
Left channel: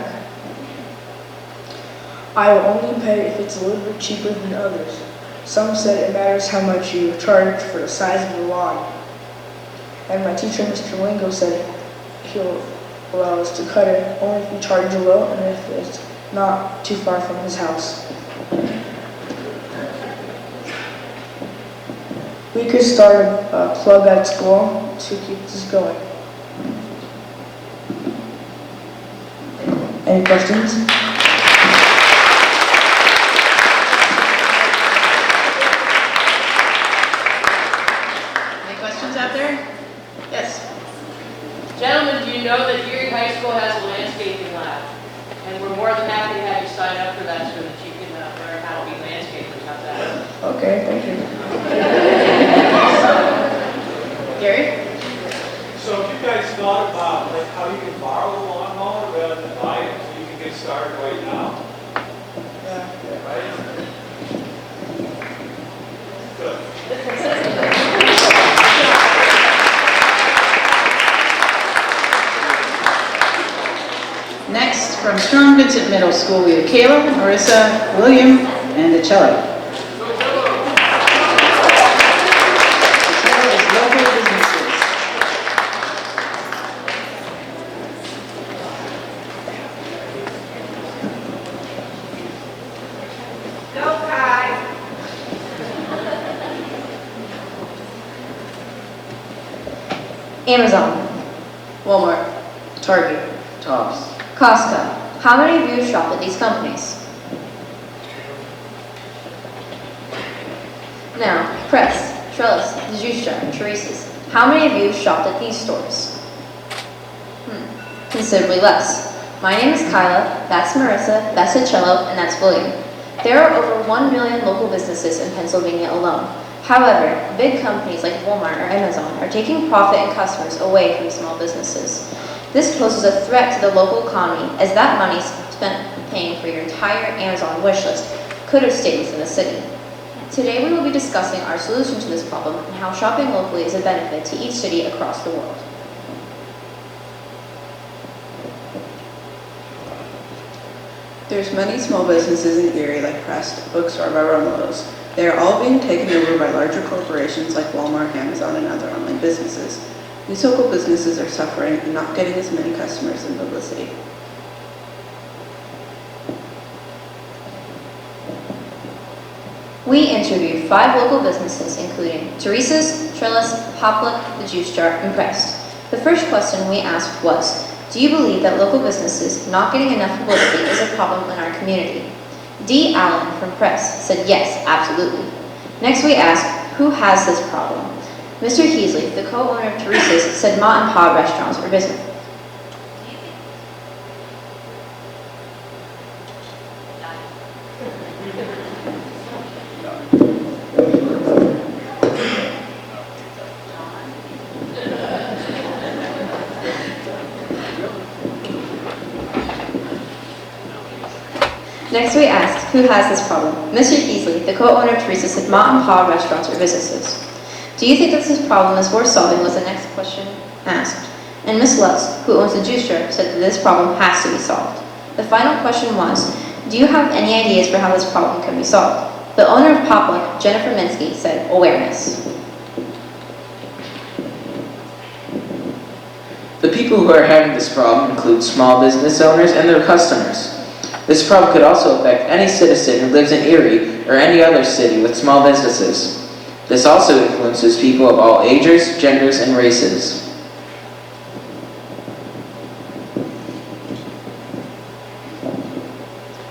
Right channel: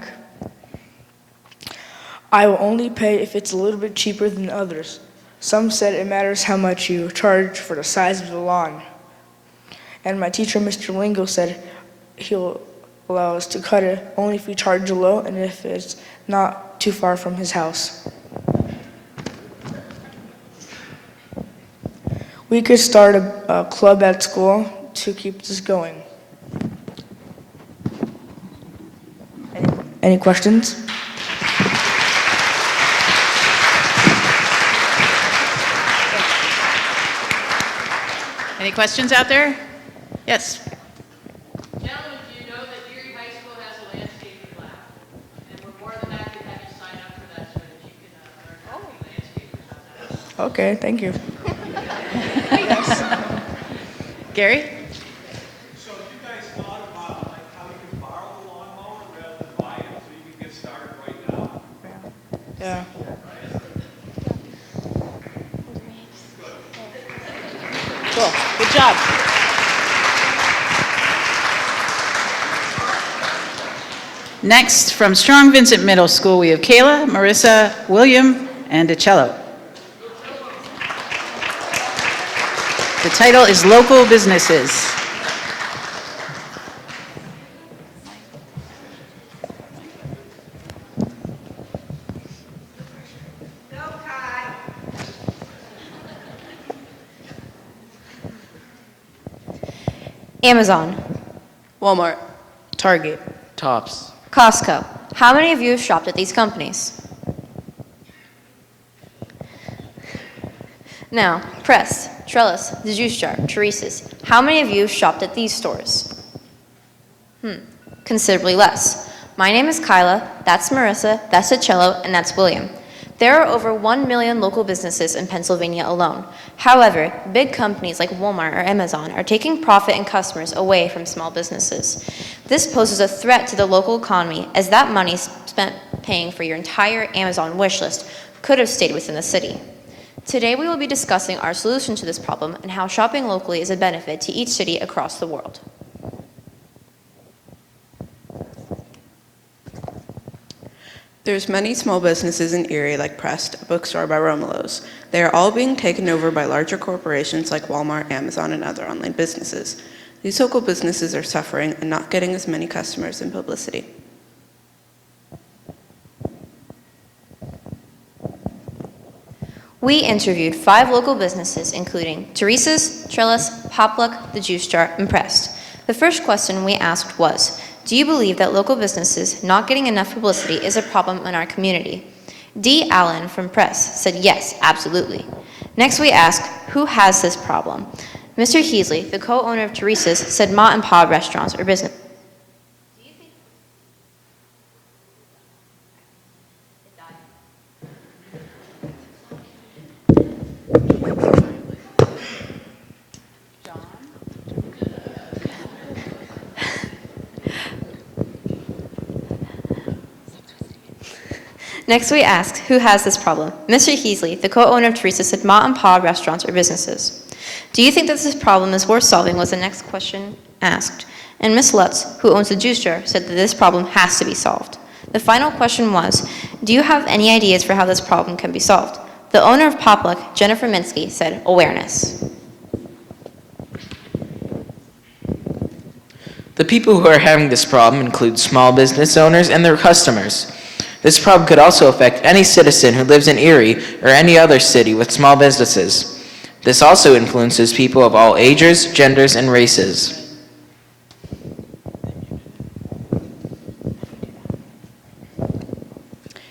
I will only pay if it's a little bit cheaper than others. Some said it matters how much you charge for the size of the lawn. And my teacher, Mr. Lingo, said he'll allow us to cut it only if we charge low and if it's not too far from his house. We could start a club at school to keep this going. Any questions? Any questions out there? Yes. Gentlemen, do you know that Erie High School has a landscaping lab? And we're more than happy to have you sign up for that so that you can learn how to be landscapers. How's that? Okay, thank you. Gary? So if you guys thought about like how you can borrow a lawnmower rather than buy it so you can get started right now? Yeah. Right? Good. Good job. Next, from Strong Vincent Middle School, we have Kayla, Marissa, William, and DeCello. The title is Local Businesses. Amazon, Walmart, Target, Tops. Costco. How many of you have shopped at these companies? Now, Press, Trellis, The Juice Jar, Teresa's. How many of you have shopped at these stores? Considerably less. My name is Kyla, that's Marissa, that's DeCello, and that's William. There are over 1 million local businesses in Pennsylvania alone. However, big companies like Walmart or Amazon are taking profit and customers away from small businesses. This poses a threat to the local economy, as that money spent paying for your entire Amazon wish list could have stayed within the city. Today we will be discussing our solution to this problem and how shopping locally is a benefit to each city across the world. There's many small businesses in Erie like Prest, Bookstore by Romelo's. They are all being taken over by larger corporations like Walmart, Amazon, and other online businesses. These local businesses are suffering and not getting as many customers and publicity. We interviewed 5 local businesses, including Teresa's, Trellis, Popluck, The Juice Jar, and Prest. The first question we asked was, do you believe that local businesses not getting enough publicity is a problem in our community? D. Allen from Prest said yes, absolutely. Next we asked, who has this problem? Mr. Heasley, the co-owner of Teresa's, said Ma and Pa restaurants are risen. Next we asked, who has this problem? Mr. Heasley, the co-owner of Teresa's, said Ma and Pa restaurants are businesses. Do you think that this problem is worth solving was the next question asked. And Ms. Lutz, who owns the juice jar, said that this problem has to be solved. The final question was, do you have any ideas for how this problem can be solved? The owner of Popluck, Jennifer Minsky, said awareness. The people who are having this problem include small business owners and their customers. This problem could also affect any citizen who lives in Erie or any other city with small businesses. This also influences people of all ages, genders, and races.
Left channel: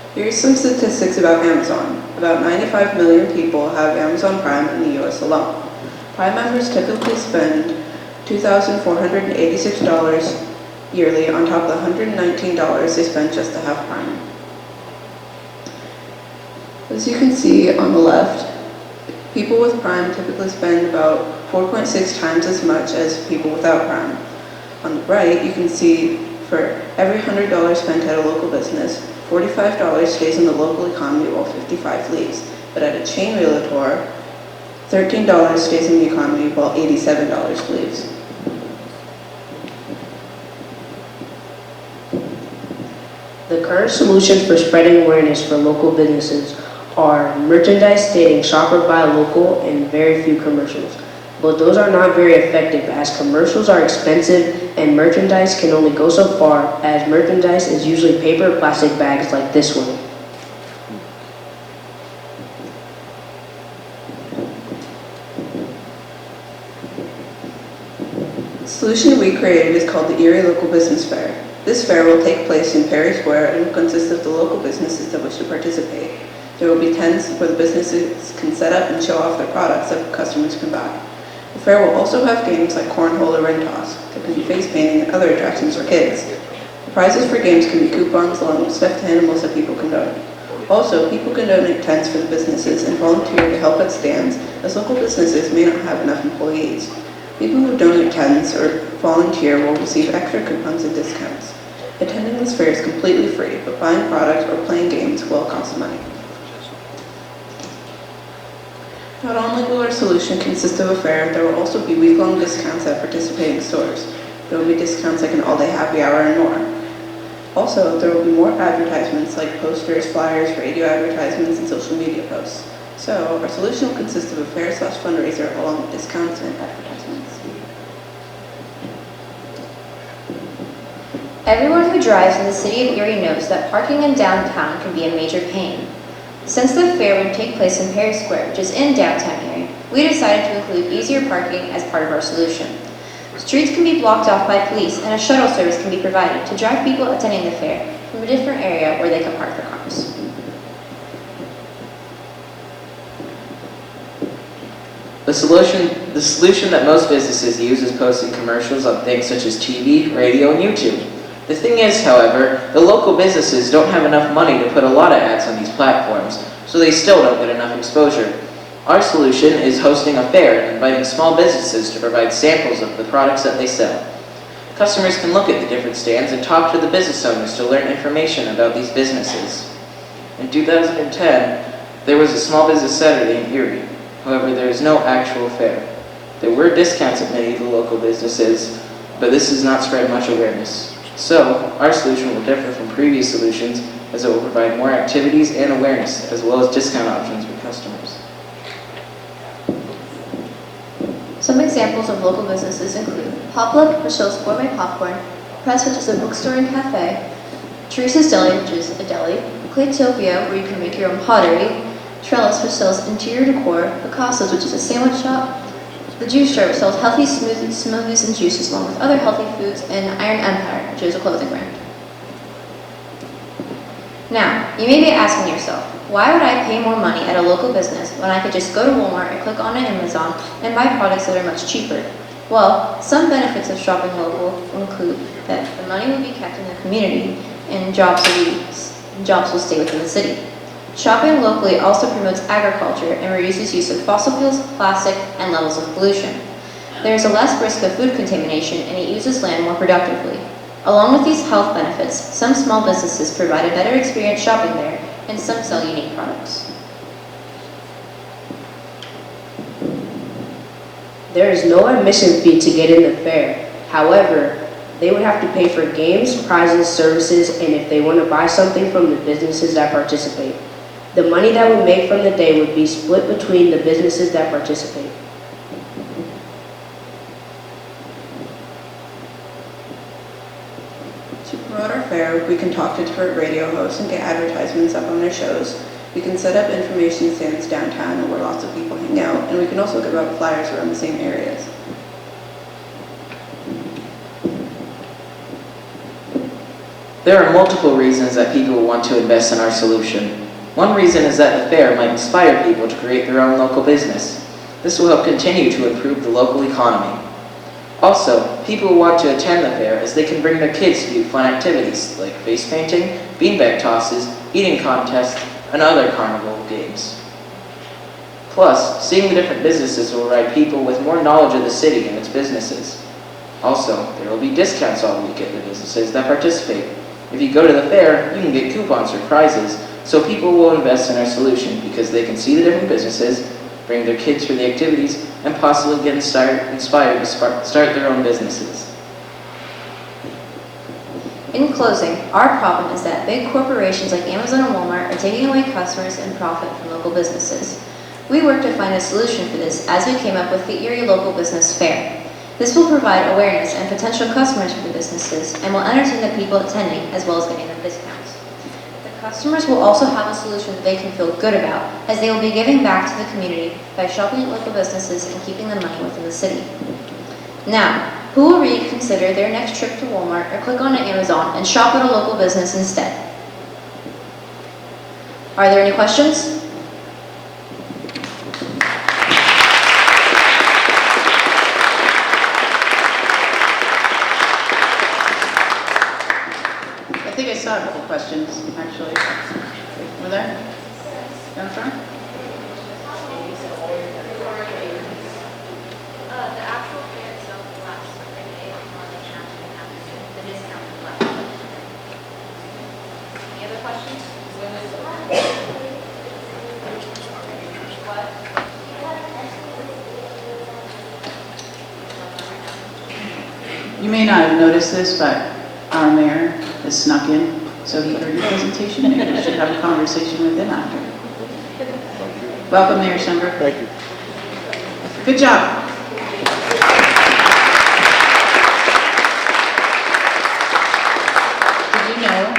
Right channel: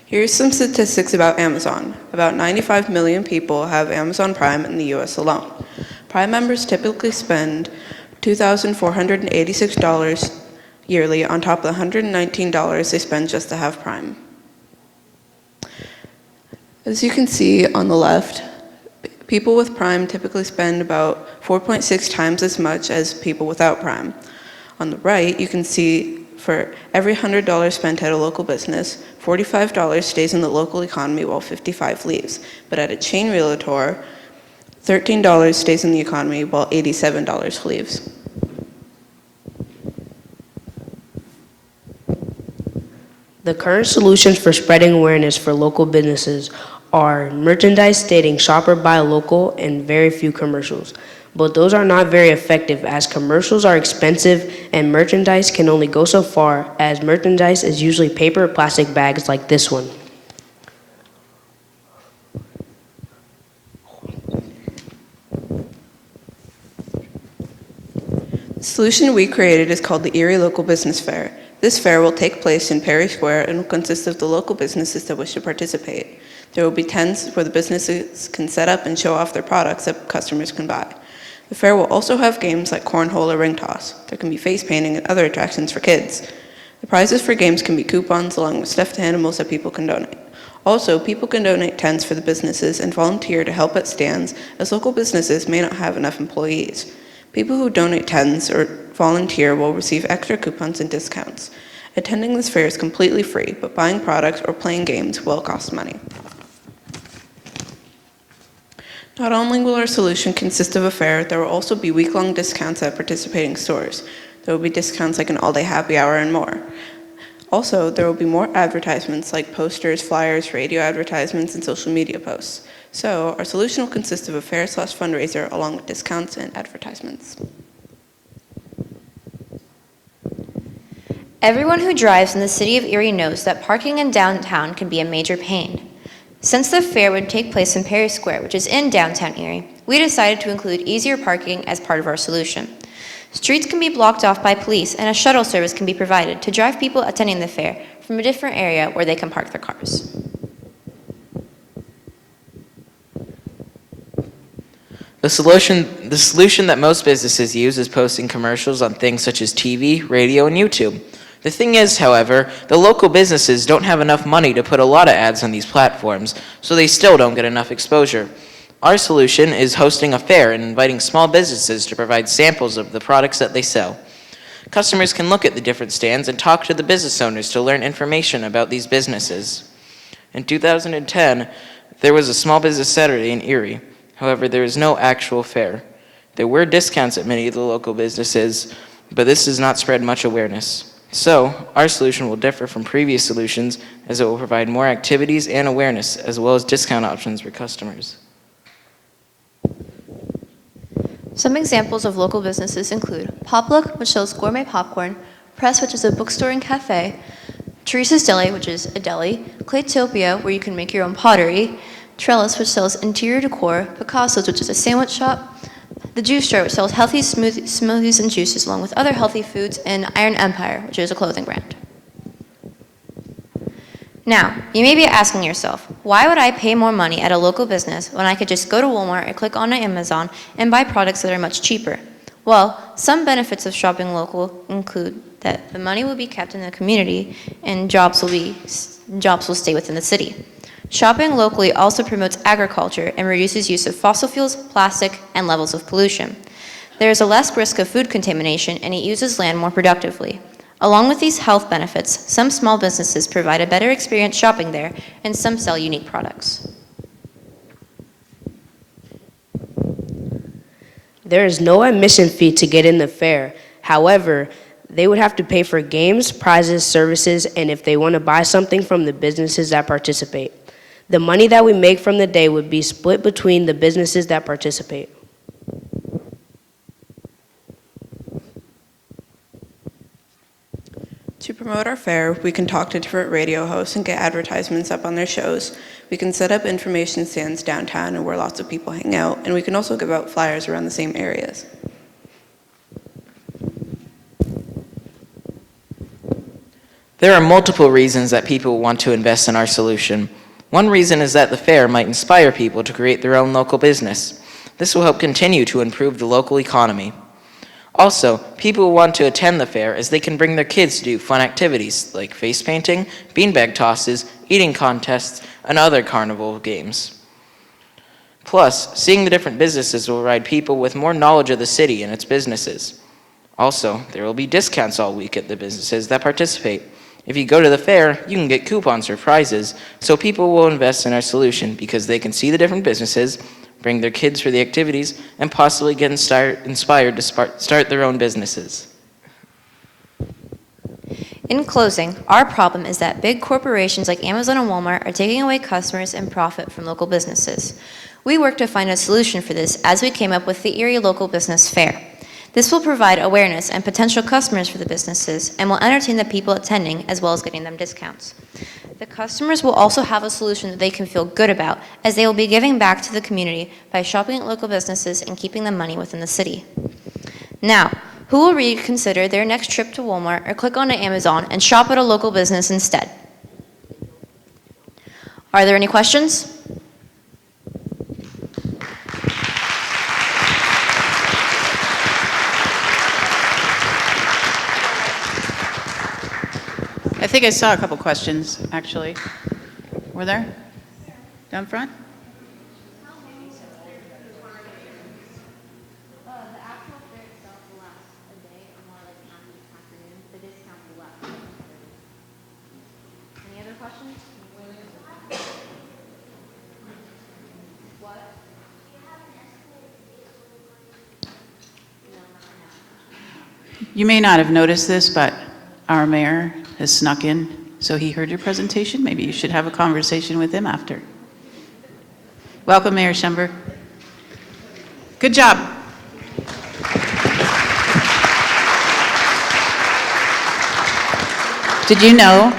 Here's some statistics about Amazon. About 95 million people have Amazon Prime in the US alone. Prime members typically spend $2,486 yearly on top of the $119 they spend just to have Prime. As you can see on the left, people with Prime typically spend about 4.6 times as much as people without Prime. On the right, you can see for every $100 spent at a local business, $45 stays in the local economy while $55 leaves. But at a chain realtor, $13 stays in the economy while $87 leaves. The current solutions for spreading awareness for local businesses are merchandise stating shop or buy local and very few commercials. But those are not very effective as commercials are expensive and merchandise can only go so far, as merchandise is usually paper or plastic bags like this one. The solution we created is called the Erie Local Business Fair. This fair will take place in Perry Square and will consist of the local businesses that wish to participate. There will be tents where the businesses can set up and show off their products that customers can buy. The fair will also have games like cornhole or ring toss. There can be face painting and other attractions for kids. The prizes for games can be coupons along with stuffed animals that people can donate. Also, people can donate tents for the businesses and volunteer to help at stands, as local businesses may not have enough employees. People who donate tents or volunteer will receive extra coupons and discounts. Attending this fair is completely free, but buying products or playing games will cost money. Not only will our solution consist of a fair, there will also be week-long discounts at participating stores. There will be discounts like an all-day happy hour and more. Also, there will be more advertisements like posters, flyers, radio advertisements, and social media posts. So, our solution will consist of a fair/fundraiser along with discounts and advertisements. Everyone who drives in the city of Erie knows that parking in downtown can be a major pain. Since the fair would take place in Perry Square, which is in downtown Erie, we decided to include easier parking as part of our solution. Streets can be blocked off by police and a shuttle service can be provided to drive people attending the fair from a different area where they can park their cars. The solution that most businesses use is posting commercials on things such as TV, radio, and YouTube. The thing is, however, the local businesses don't have enough money to put a lot of ads on these platforms, so they still don't get enough exposure. Our solution is hosting a fair and inviting small businesses to provide samples of the products that they sell. Customers can look at the different stands and talk to the business owners to learn information about these businesses. In 2010, there was a small business Saturday in Erie. However, there was no actual fair. There were discounts at many of the local businesses, but this has not spread much awareness. So, our solution will differ from previous solutions as it will provide more activities and awareness, as well as discount options for customers. Some examples of local businesses include Poplook, which sells gourmet popcorn, Press, which is a bookstore and cafe, Teresa's Deli, which is a deli, Claytopia, where you can make your own pottery, Trellis, which sells interior decor, Picasso's, which is a sandwich shop, The Juice Jar, which sells healthy smoothies and juices along with other healthy foods, and Iron Empire, which is a clothing brand. Now, you may be asking yourself, why would I pay more money at a local business when I could just go to Walmart and click on Amazon and buy products that are much cheaper? Well, some benefits of shopping local include that the money will be kept in the community and jobs will stay within the city. Shopping locally also promotes agriculture and reduces use of fossil fuels, plastic, and levels of pollution. There is a less risk of food contamination and it uses land more productively. Along with these health benefits, some small businesses provide a better experience shopping there, and some sell unique products. There is no admission fee to get in the fair. However, they would have to pay for games, prizes, services, and if they want to buy something from the businesses that participate. The money that we make from the day would be split between the businesses that participate. To promote our fair, we can talk to different radio hosts and get advertisements up on their shows. We can set up information stands downtown where lots of people hang out, and we can also give out flyers around the same areas. There are multiple reasons that people want to invest in our solution. One reason is that the fair might inspire people to create their own local business. This will help continue to improve the local economy. Also, people want to attend the fair as they can bring their kids to do fun activities like face painting, beanbag tosses, eating contests, and other carnival games. Plus, seeing the different businesses will provide people with more knowledge of the city and its businesses. Also, there will be discounts all week at the businesses that participate. If you go to the fair, you can get coupons for prizes, so people will invest in our solution because they can see the different businesses, bring their kids for the activities, and possibly get inspired to start their own businesses. In closing, our problem is that big corporations like Amazon and Walmart are taking away customers and profit from local businesses. We worked to find a solution for this as we came up with the Erie Local Business Fair. This will provide awareness and potential customers for the businesses and will entertain the people attending as well as giving them discounts. The customers will also have a solution that they can feel good about as they will be giving back to the community by shopping at local businesses and keeping the money within the city. Now, who will reconsider their next trip to Walmart or click on Amazon and shop at a local business instead? Are there any questions? I think I saw a couple questions, actually. Were there? Down front? You may not have noticed this, but our mayor has snuck in, so he heard your presentation. Maybe you should have a conversation with him after. Welcome, Mayor Schember. Thank you. Good job. Did you know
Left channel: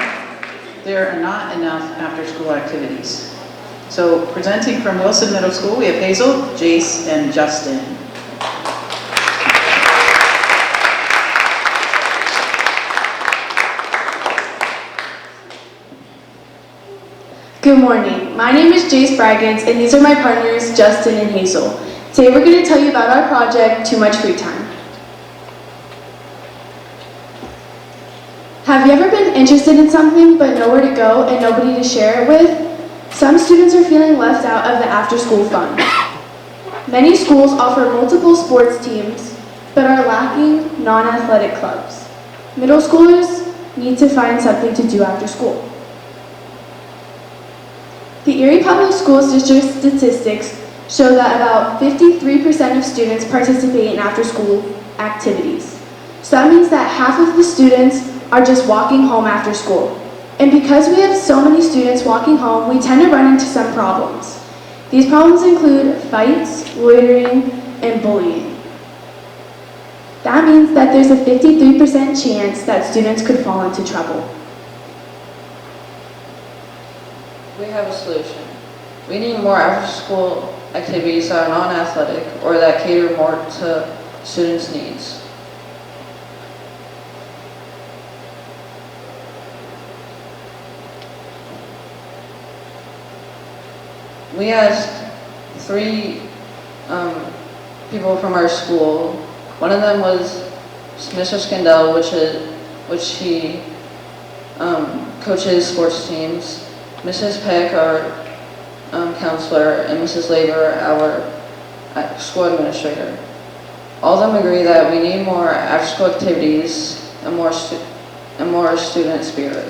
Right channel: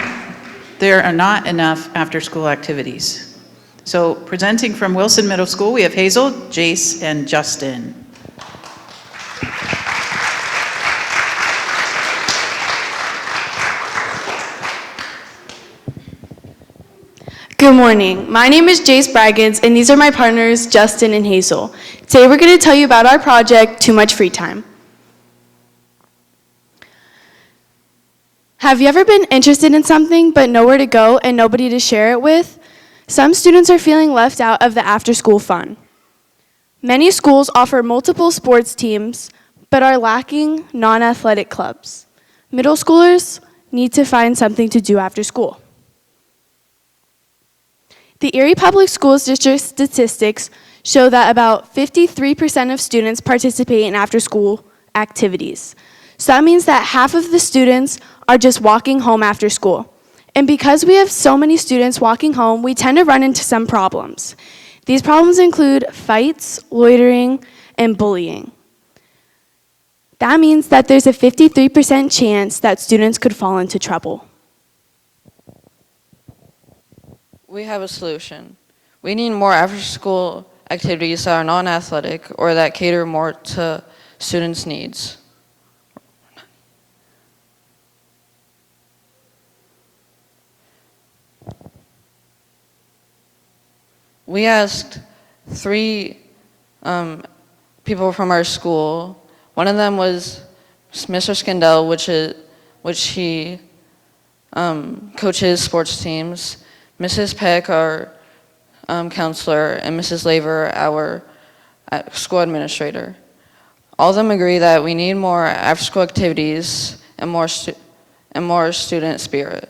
there are not enough after-school activities? So presenting from Wilson Middle School, we have Hazel, Jace, and Justin. Good morning. My name is Jace Braggins, and these are my partners, Justin and Hazel. Today we're going to tell you about our project, Too Much Free Time. Have you ever been interested in something but nowhere to go and nobody to share it with? Some students are feeling left out of the after-school fun. Many schools offer multiple sports teams, but are lacking non-athletic clubs. Middle schoolers need to find something to do after school. The Erie Public Schools District statistics show that about 53% of students participate in after-school activities. So that means that half of the students are just walking home after school. And because we have so many students walking home, we tend to run into some problems. These problems include fights, loitering, and bullying. That means that there's a 53% chance that students could fall into trouble. We have a solution. We need more after-school activities that are non-athletic or that cater more to students' needs. We asked 3 people from our school. One of them was Mr. Skindell, which he coaches sports teams. Mrs. Peck, our counselor, and Mrs. Labor, our school administrator. All of them agree that we need more after-school activities and more student spirit.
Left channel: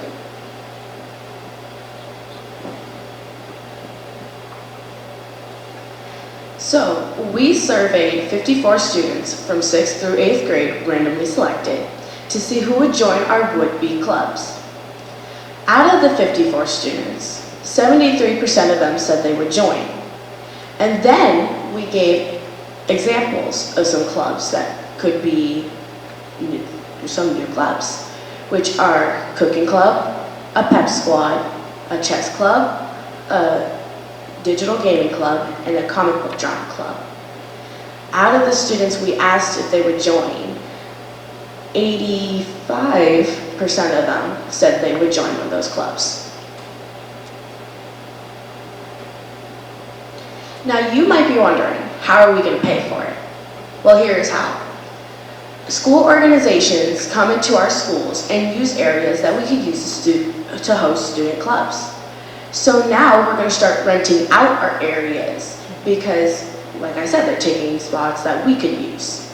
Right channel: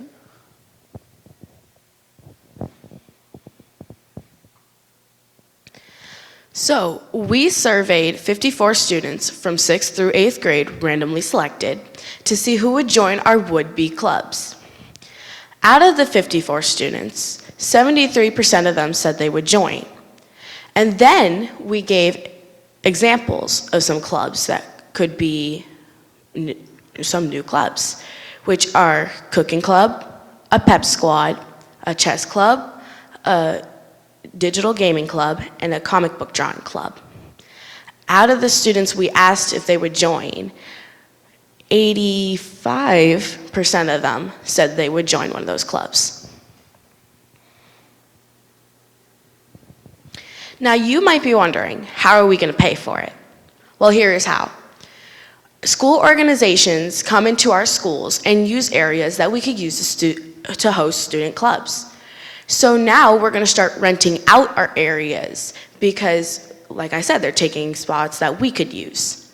So, we surveyed 54 students from 6th through 8th grade, randomly selected, to see who would join our would-be clubs. Out of the 54 students, 73% of them said they would join. And then we gave examples of some clubs that could be some new clubs, which are cooking club, a pep squad, a chess club, a digital gaming club, and a comic book drawing club. Out of the students we asked if they would join, 85% of them said they would join one of those clubs. Now you might be wondering, how are we going to pay for it? Well, here is how. School organizations come into our schools and use areas that we could use to host student clubs. So now we're going to start renting out our areas because, like I said, they're taking spots that we could use.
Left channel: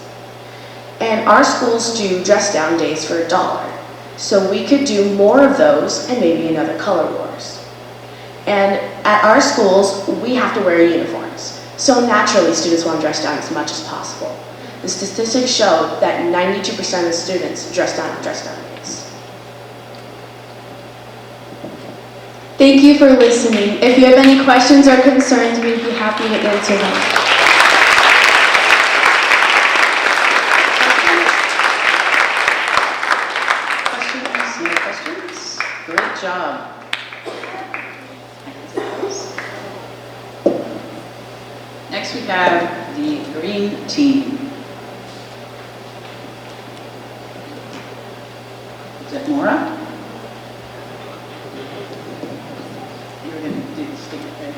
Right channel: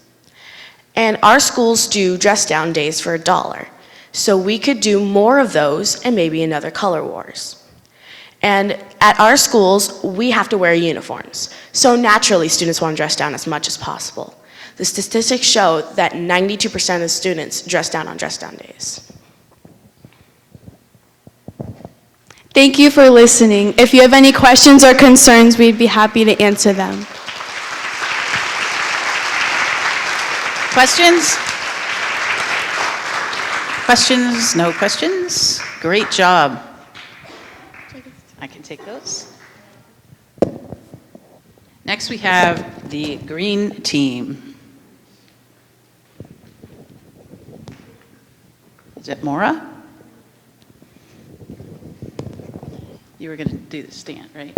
And our schools do dress down days for $1. So we could do more of those and maybe another color wars. And at our schools, we have to wear uniforms. So naturally, students want to dress down as much as possible. The statistics show that 92% of the students dress down on dress down days. Thank you for listening. If you have any questions or concerns, we'd be happy to answer them. Questions? Questions? No questions? Great job. I can take those. Next we have the green team. Is it Maura? You were going to do the state, right?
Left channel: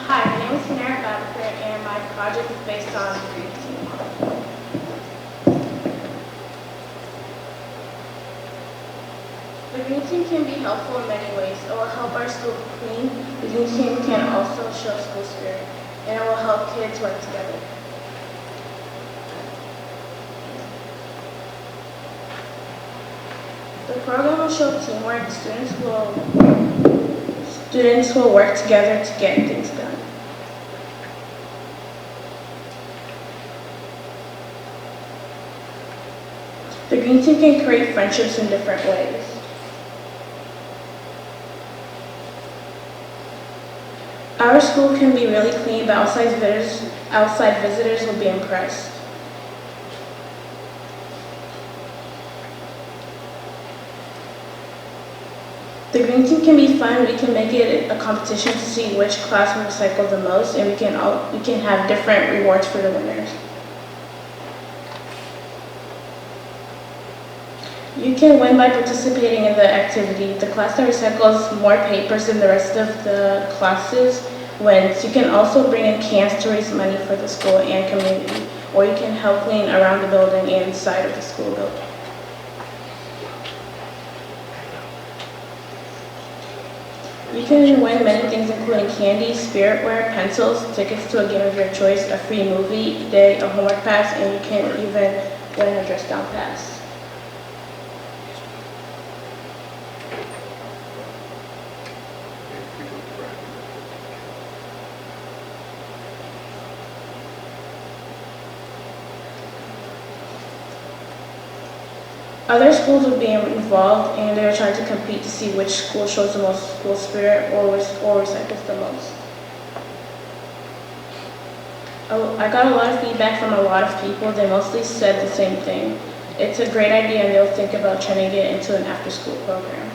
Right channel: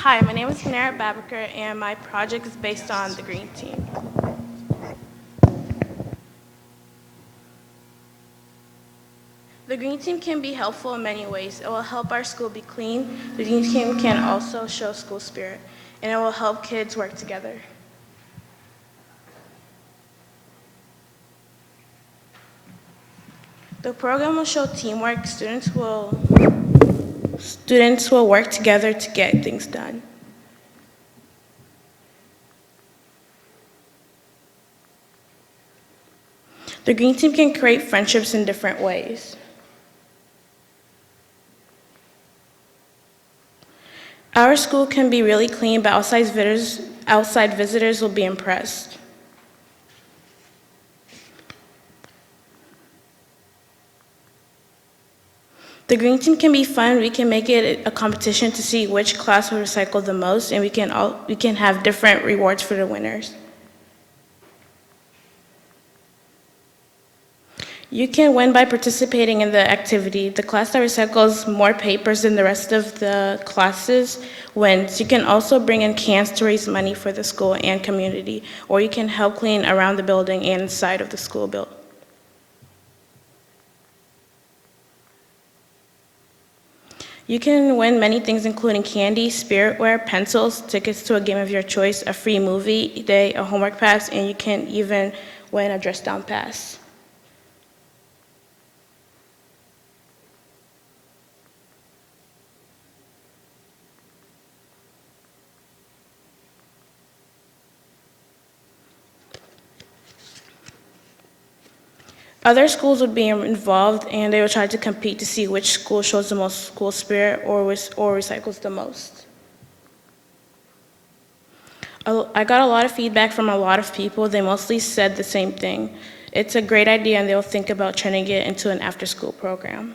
Hi, my name is Kinara Babaker, and my project is based on the green team. The green team can be helpful in many ways. It will help our school be clean. The green team can also show school spirit, and it will help kids work together. The program will show teamwork. Students will work together to get things done. The green team can create friendships in different ways. Our school can be really clean, but outside visitors will be impressed. The green team can be fun. We can make it a competition to see which class will recycle the most, and we can have different rewards for the winners. You can win by participating in the activity. The class that recycles more papers than the rest of the classes wins. You can also bring in cans to raise money for the school and community. or you can help clean around the building and inside of the school building. You can win many things including candy, spiritware, pencils, tickets to a game of your choice, a free movie day, a homework pass, and you can even win a dress down pass. Other schools would be involved, and they would try to compete to see which school shows the most school spirit or recycles the most. I got a lot of feedback from a lot of people. They mostly said the same thing. It's a great idea, and they'll think about trying to get into an after-school program.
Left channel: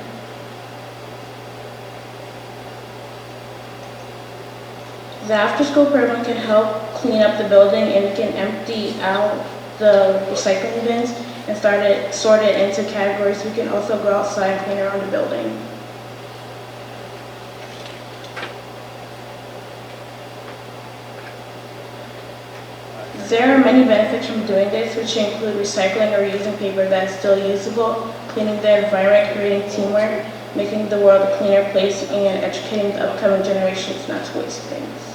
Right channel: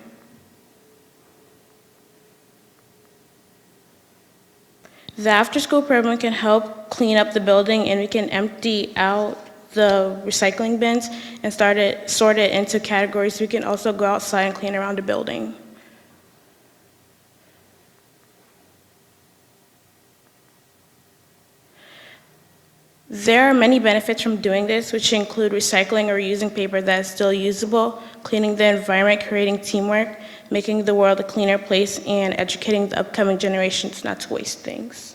The after-school program can help clean up the building, and it can empty out the recycling bins and sort it into categories. We can also go outside and clean around the building. There are many benefits from doing this, which include recycling or using paper that is still usable, cleaning the environment, creating teamwork, making the world a cleaner place, and educating the upcoming generations not to waste things.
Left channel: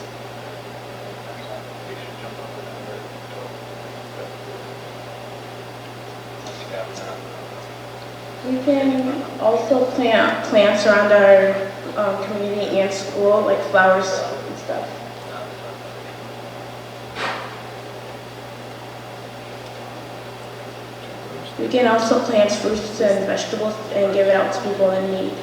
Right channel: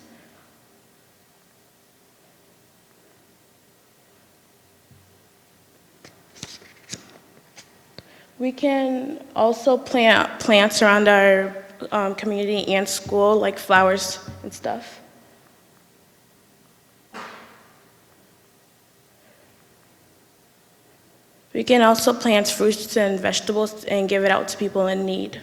We can also plant plants around our community and school, like flowers and stuff. We can also plant fruits and vegetables and give it out to people in need.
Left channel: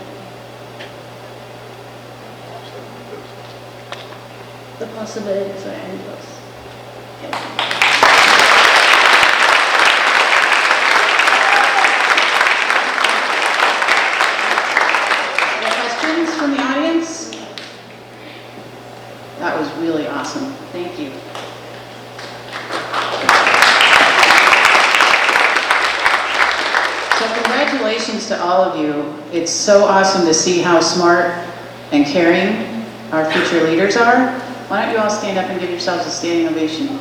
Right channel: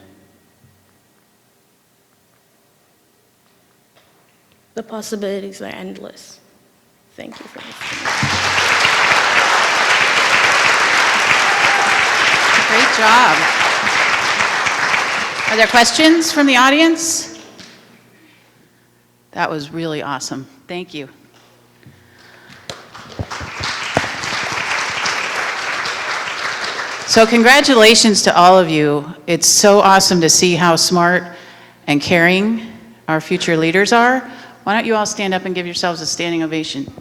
The possibilities are endless. Thank you. Great job. Are there questions from the audience? That was really awesome. Thank you. So congratulations to all of you. It's so awesome to see how smart and caring our future leaders are. Why don't you all stand up and give yourselves a standing ovation?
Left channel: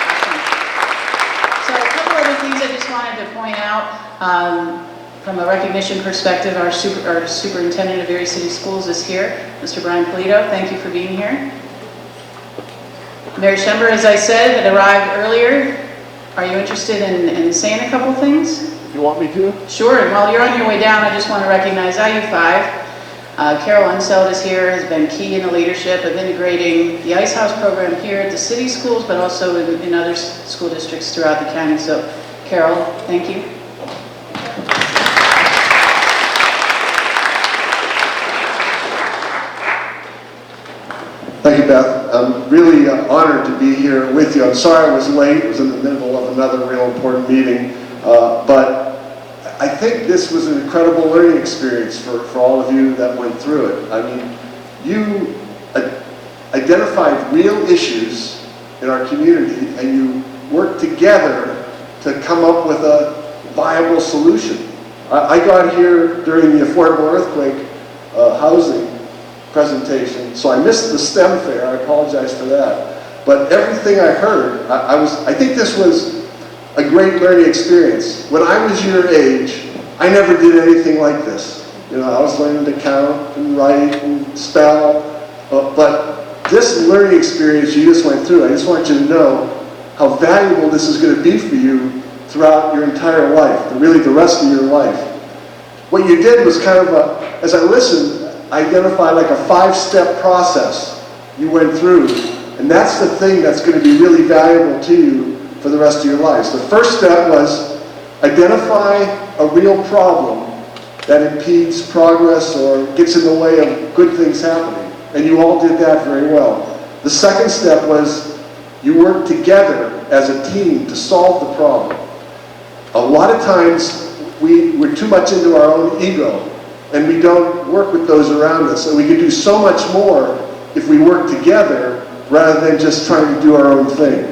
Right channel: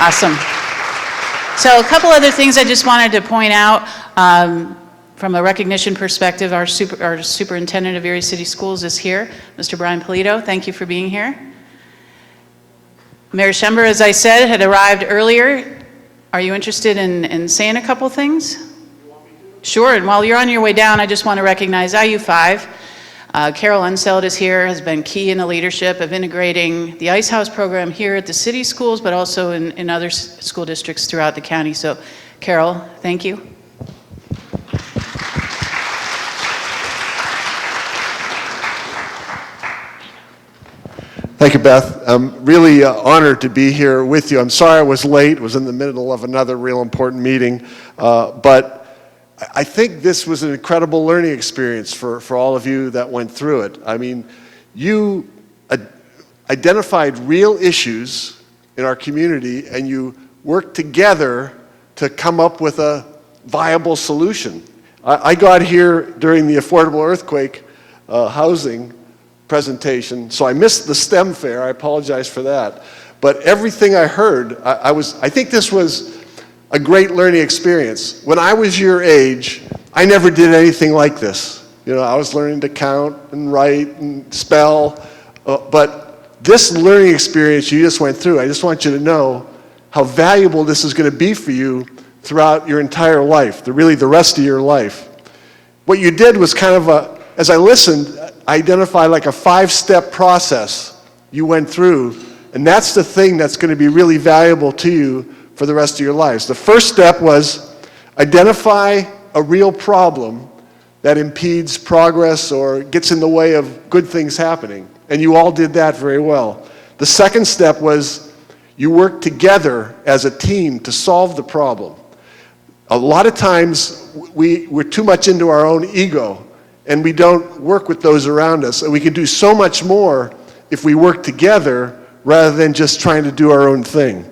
Awesome. So a couple other things I just wanted to point out. From a recognition perspective, our superintendent of Erie City Schools is here, Mr. Brian Polito. Thank you for being here. Mayor Schember, as I said, had arrived earlier. Are you interested in saying a couple things? You want me to? Sure, and while you're on your way down, I just want to recognize IU5. Carol Unseld is here, has been key in the leadership of integrating the Ice House program here at the city schools, but also in other school districts throughout the county. So, Carol, thank you. Thank you, Beth. I'm really honored to be here with you. I'm sorry I was late. I was in the middle of another real important meeting. But I think this was an incredible learning experience for all of you that went through it. I mean, you identified real issues in our community and you worked together to come up with a viable solution. I got here during the affordable earthquake housing presentation, so I missed the STEM fair. I apologize for that. But everything I heard, I think this was a great learning experience. When I was your age, I never did anything like this. You know, I was learning to count and write and spell, but this learning experience you just went through, I just want you to know how valuable this is going to be for you throughout your entire life, really the rest of your life. What you did was kind of as I listened, identify like a 5-step process you went through, and that's the thing that's going to be really valuable to you for the rest of your lives. The first step was identify a real problem that impedes progress or gets in the way of good things happening, and you all did that very well. The second step was you worked together as a team to solve the problem. A lot of times we're too much into our own ego and we don't work with those around us. And we can do so much more if we work together rather than just trying to do our own thing.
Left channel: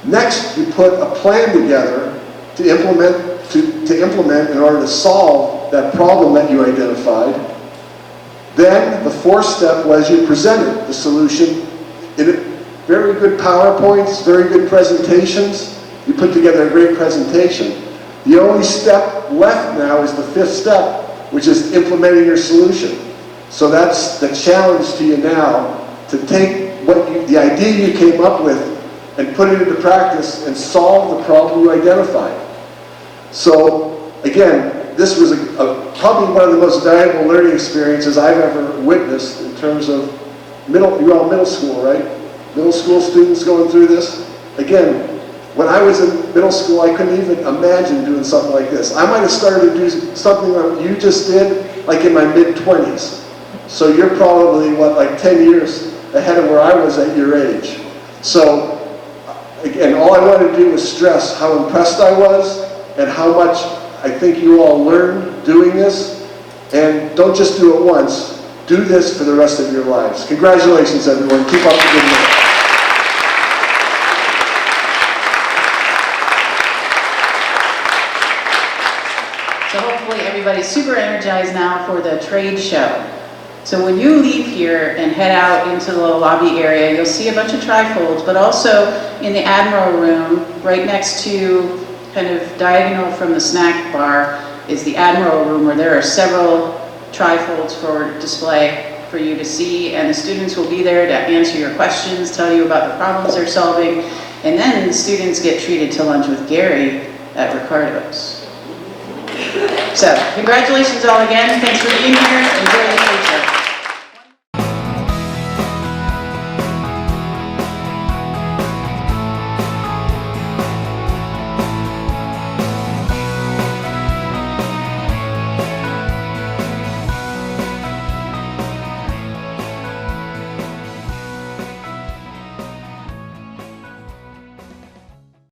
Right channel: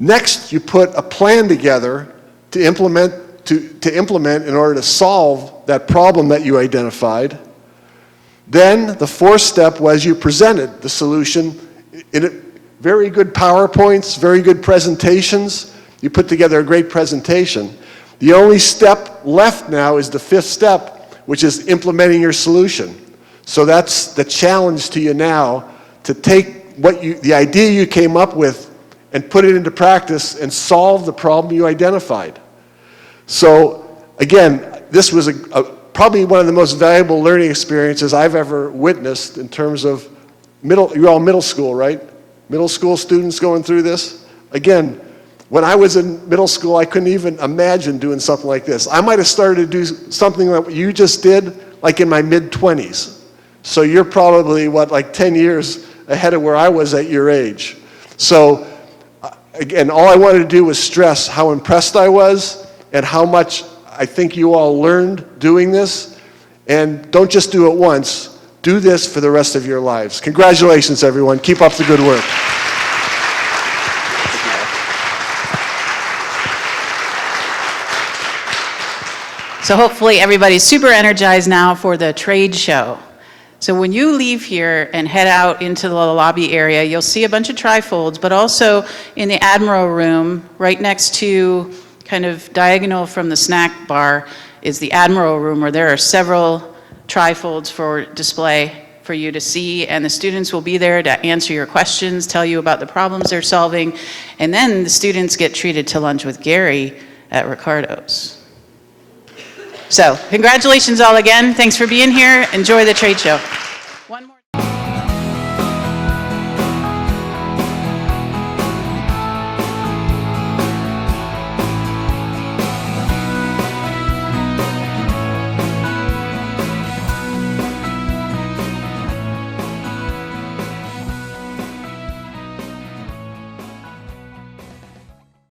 Next, you put a plan together to implement in order to solve that problem that you identified. Then the fourth step was you presented the solution in very good PowerPoints, very good presentations. You put together a great presentation. The only step left now is the fifth step, which is implementing your solution. So that's the challenge to you now, to take the idea you came up with and put it into practice and solve the problem you identified. So again, this was probably one of the most valuable learning experiences I've ever witnessed in terms of you're all middle school, right? Middle school students going through this. Again, when I was in middle school, I couldn't even imagine doing something like this. I might have started to do something that you just did, like in my mid-20s. So you're probably, like 10 years ahead of where I was at your age. So, again, all I wanted to do was stress how impressed I was and how much I think you all learned doing this. And don't just do it once. Do this for the rest of your lives. Congratulations, everyone. Keep up the good work. So hopefully everybody's super energized now for the trade show. So when you leave here and head out into the lobby area, you'll see a bunch of trifolds, but also in the Admiral room, right next to, kind of diagonal from the snack bar, is the Admiral room, where there are several trifolds for display for you to see, and the students will be there to answer your questions, tell you about the problems they're solving, and then the students get treated to lunch with Gary at Ricardo's. So, congratulations all again. Thanks for being here. Enjoy the trade show.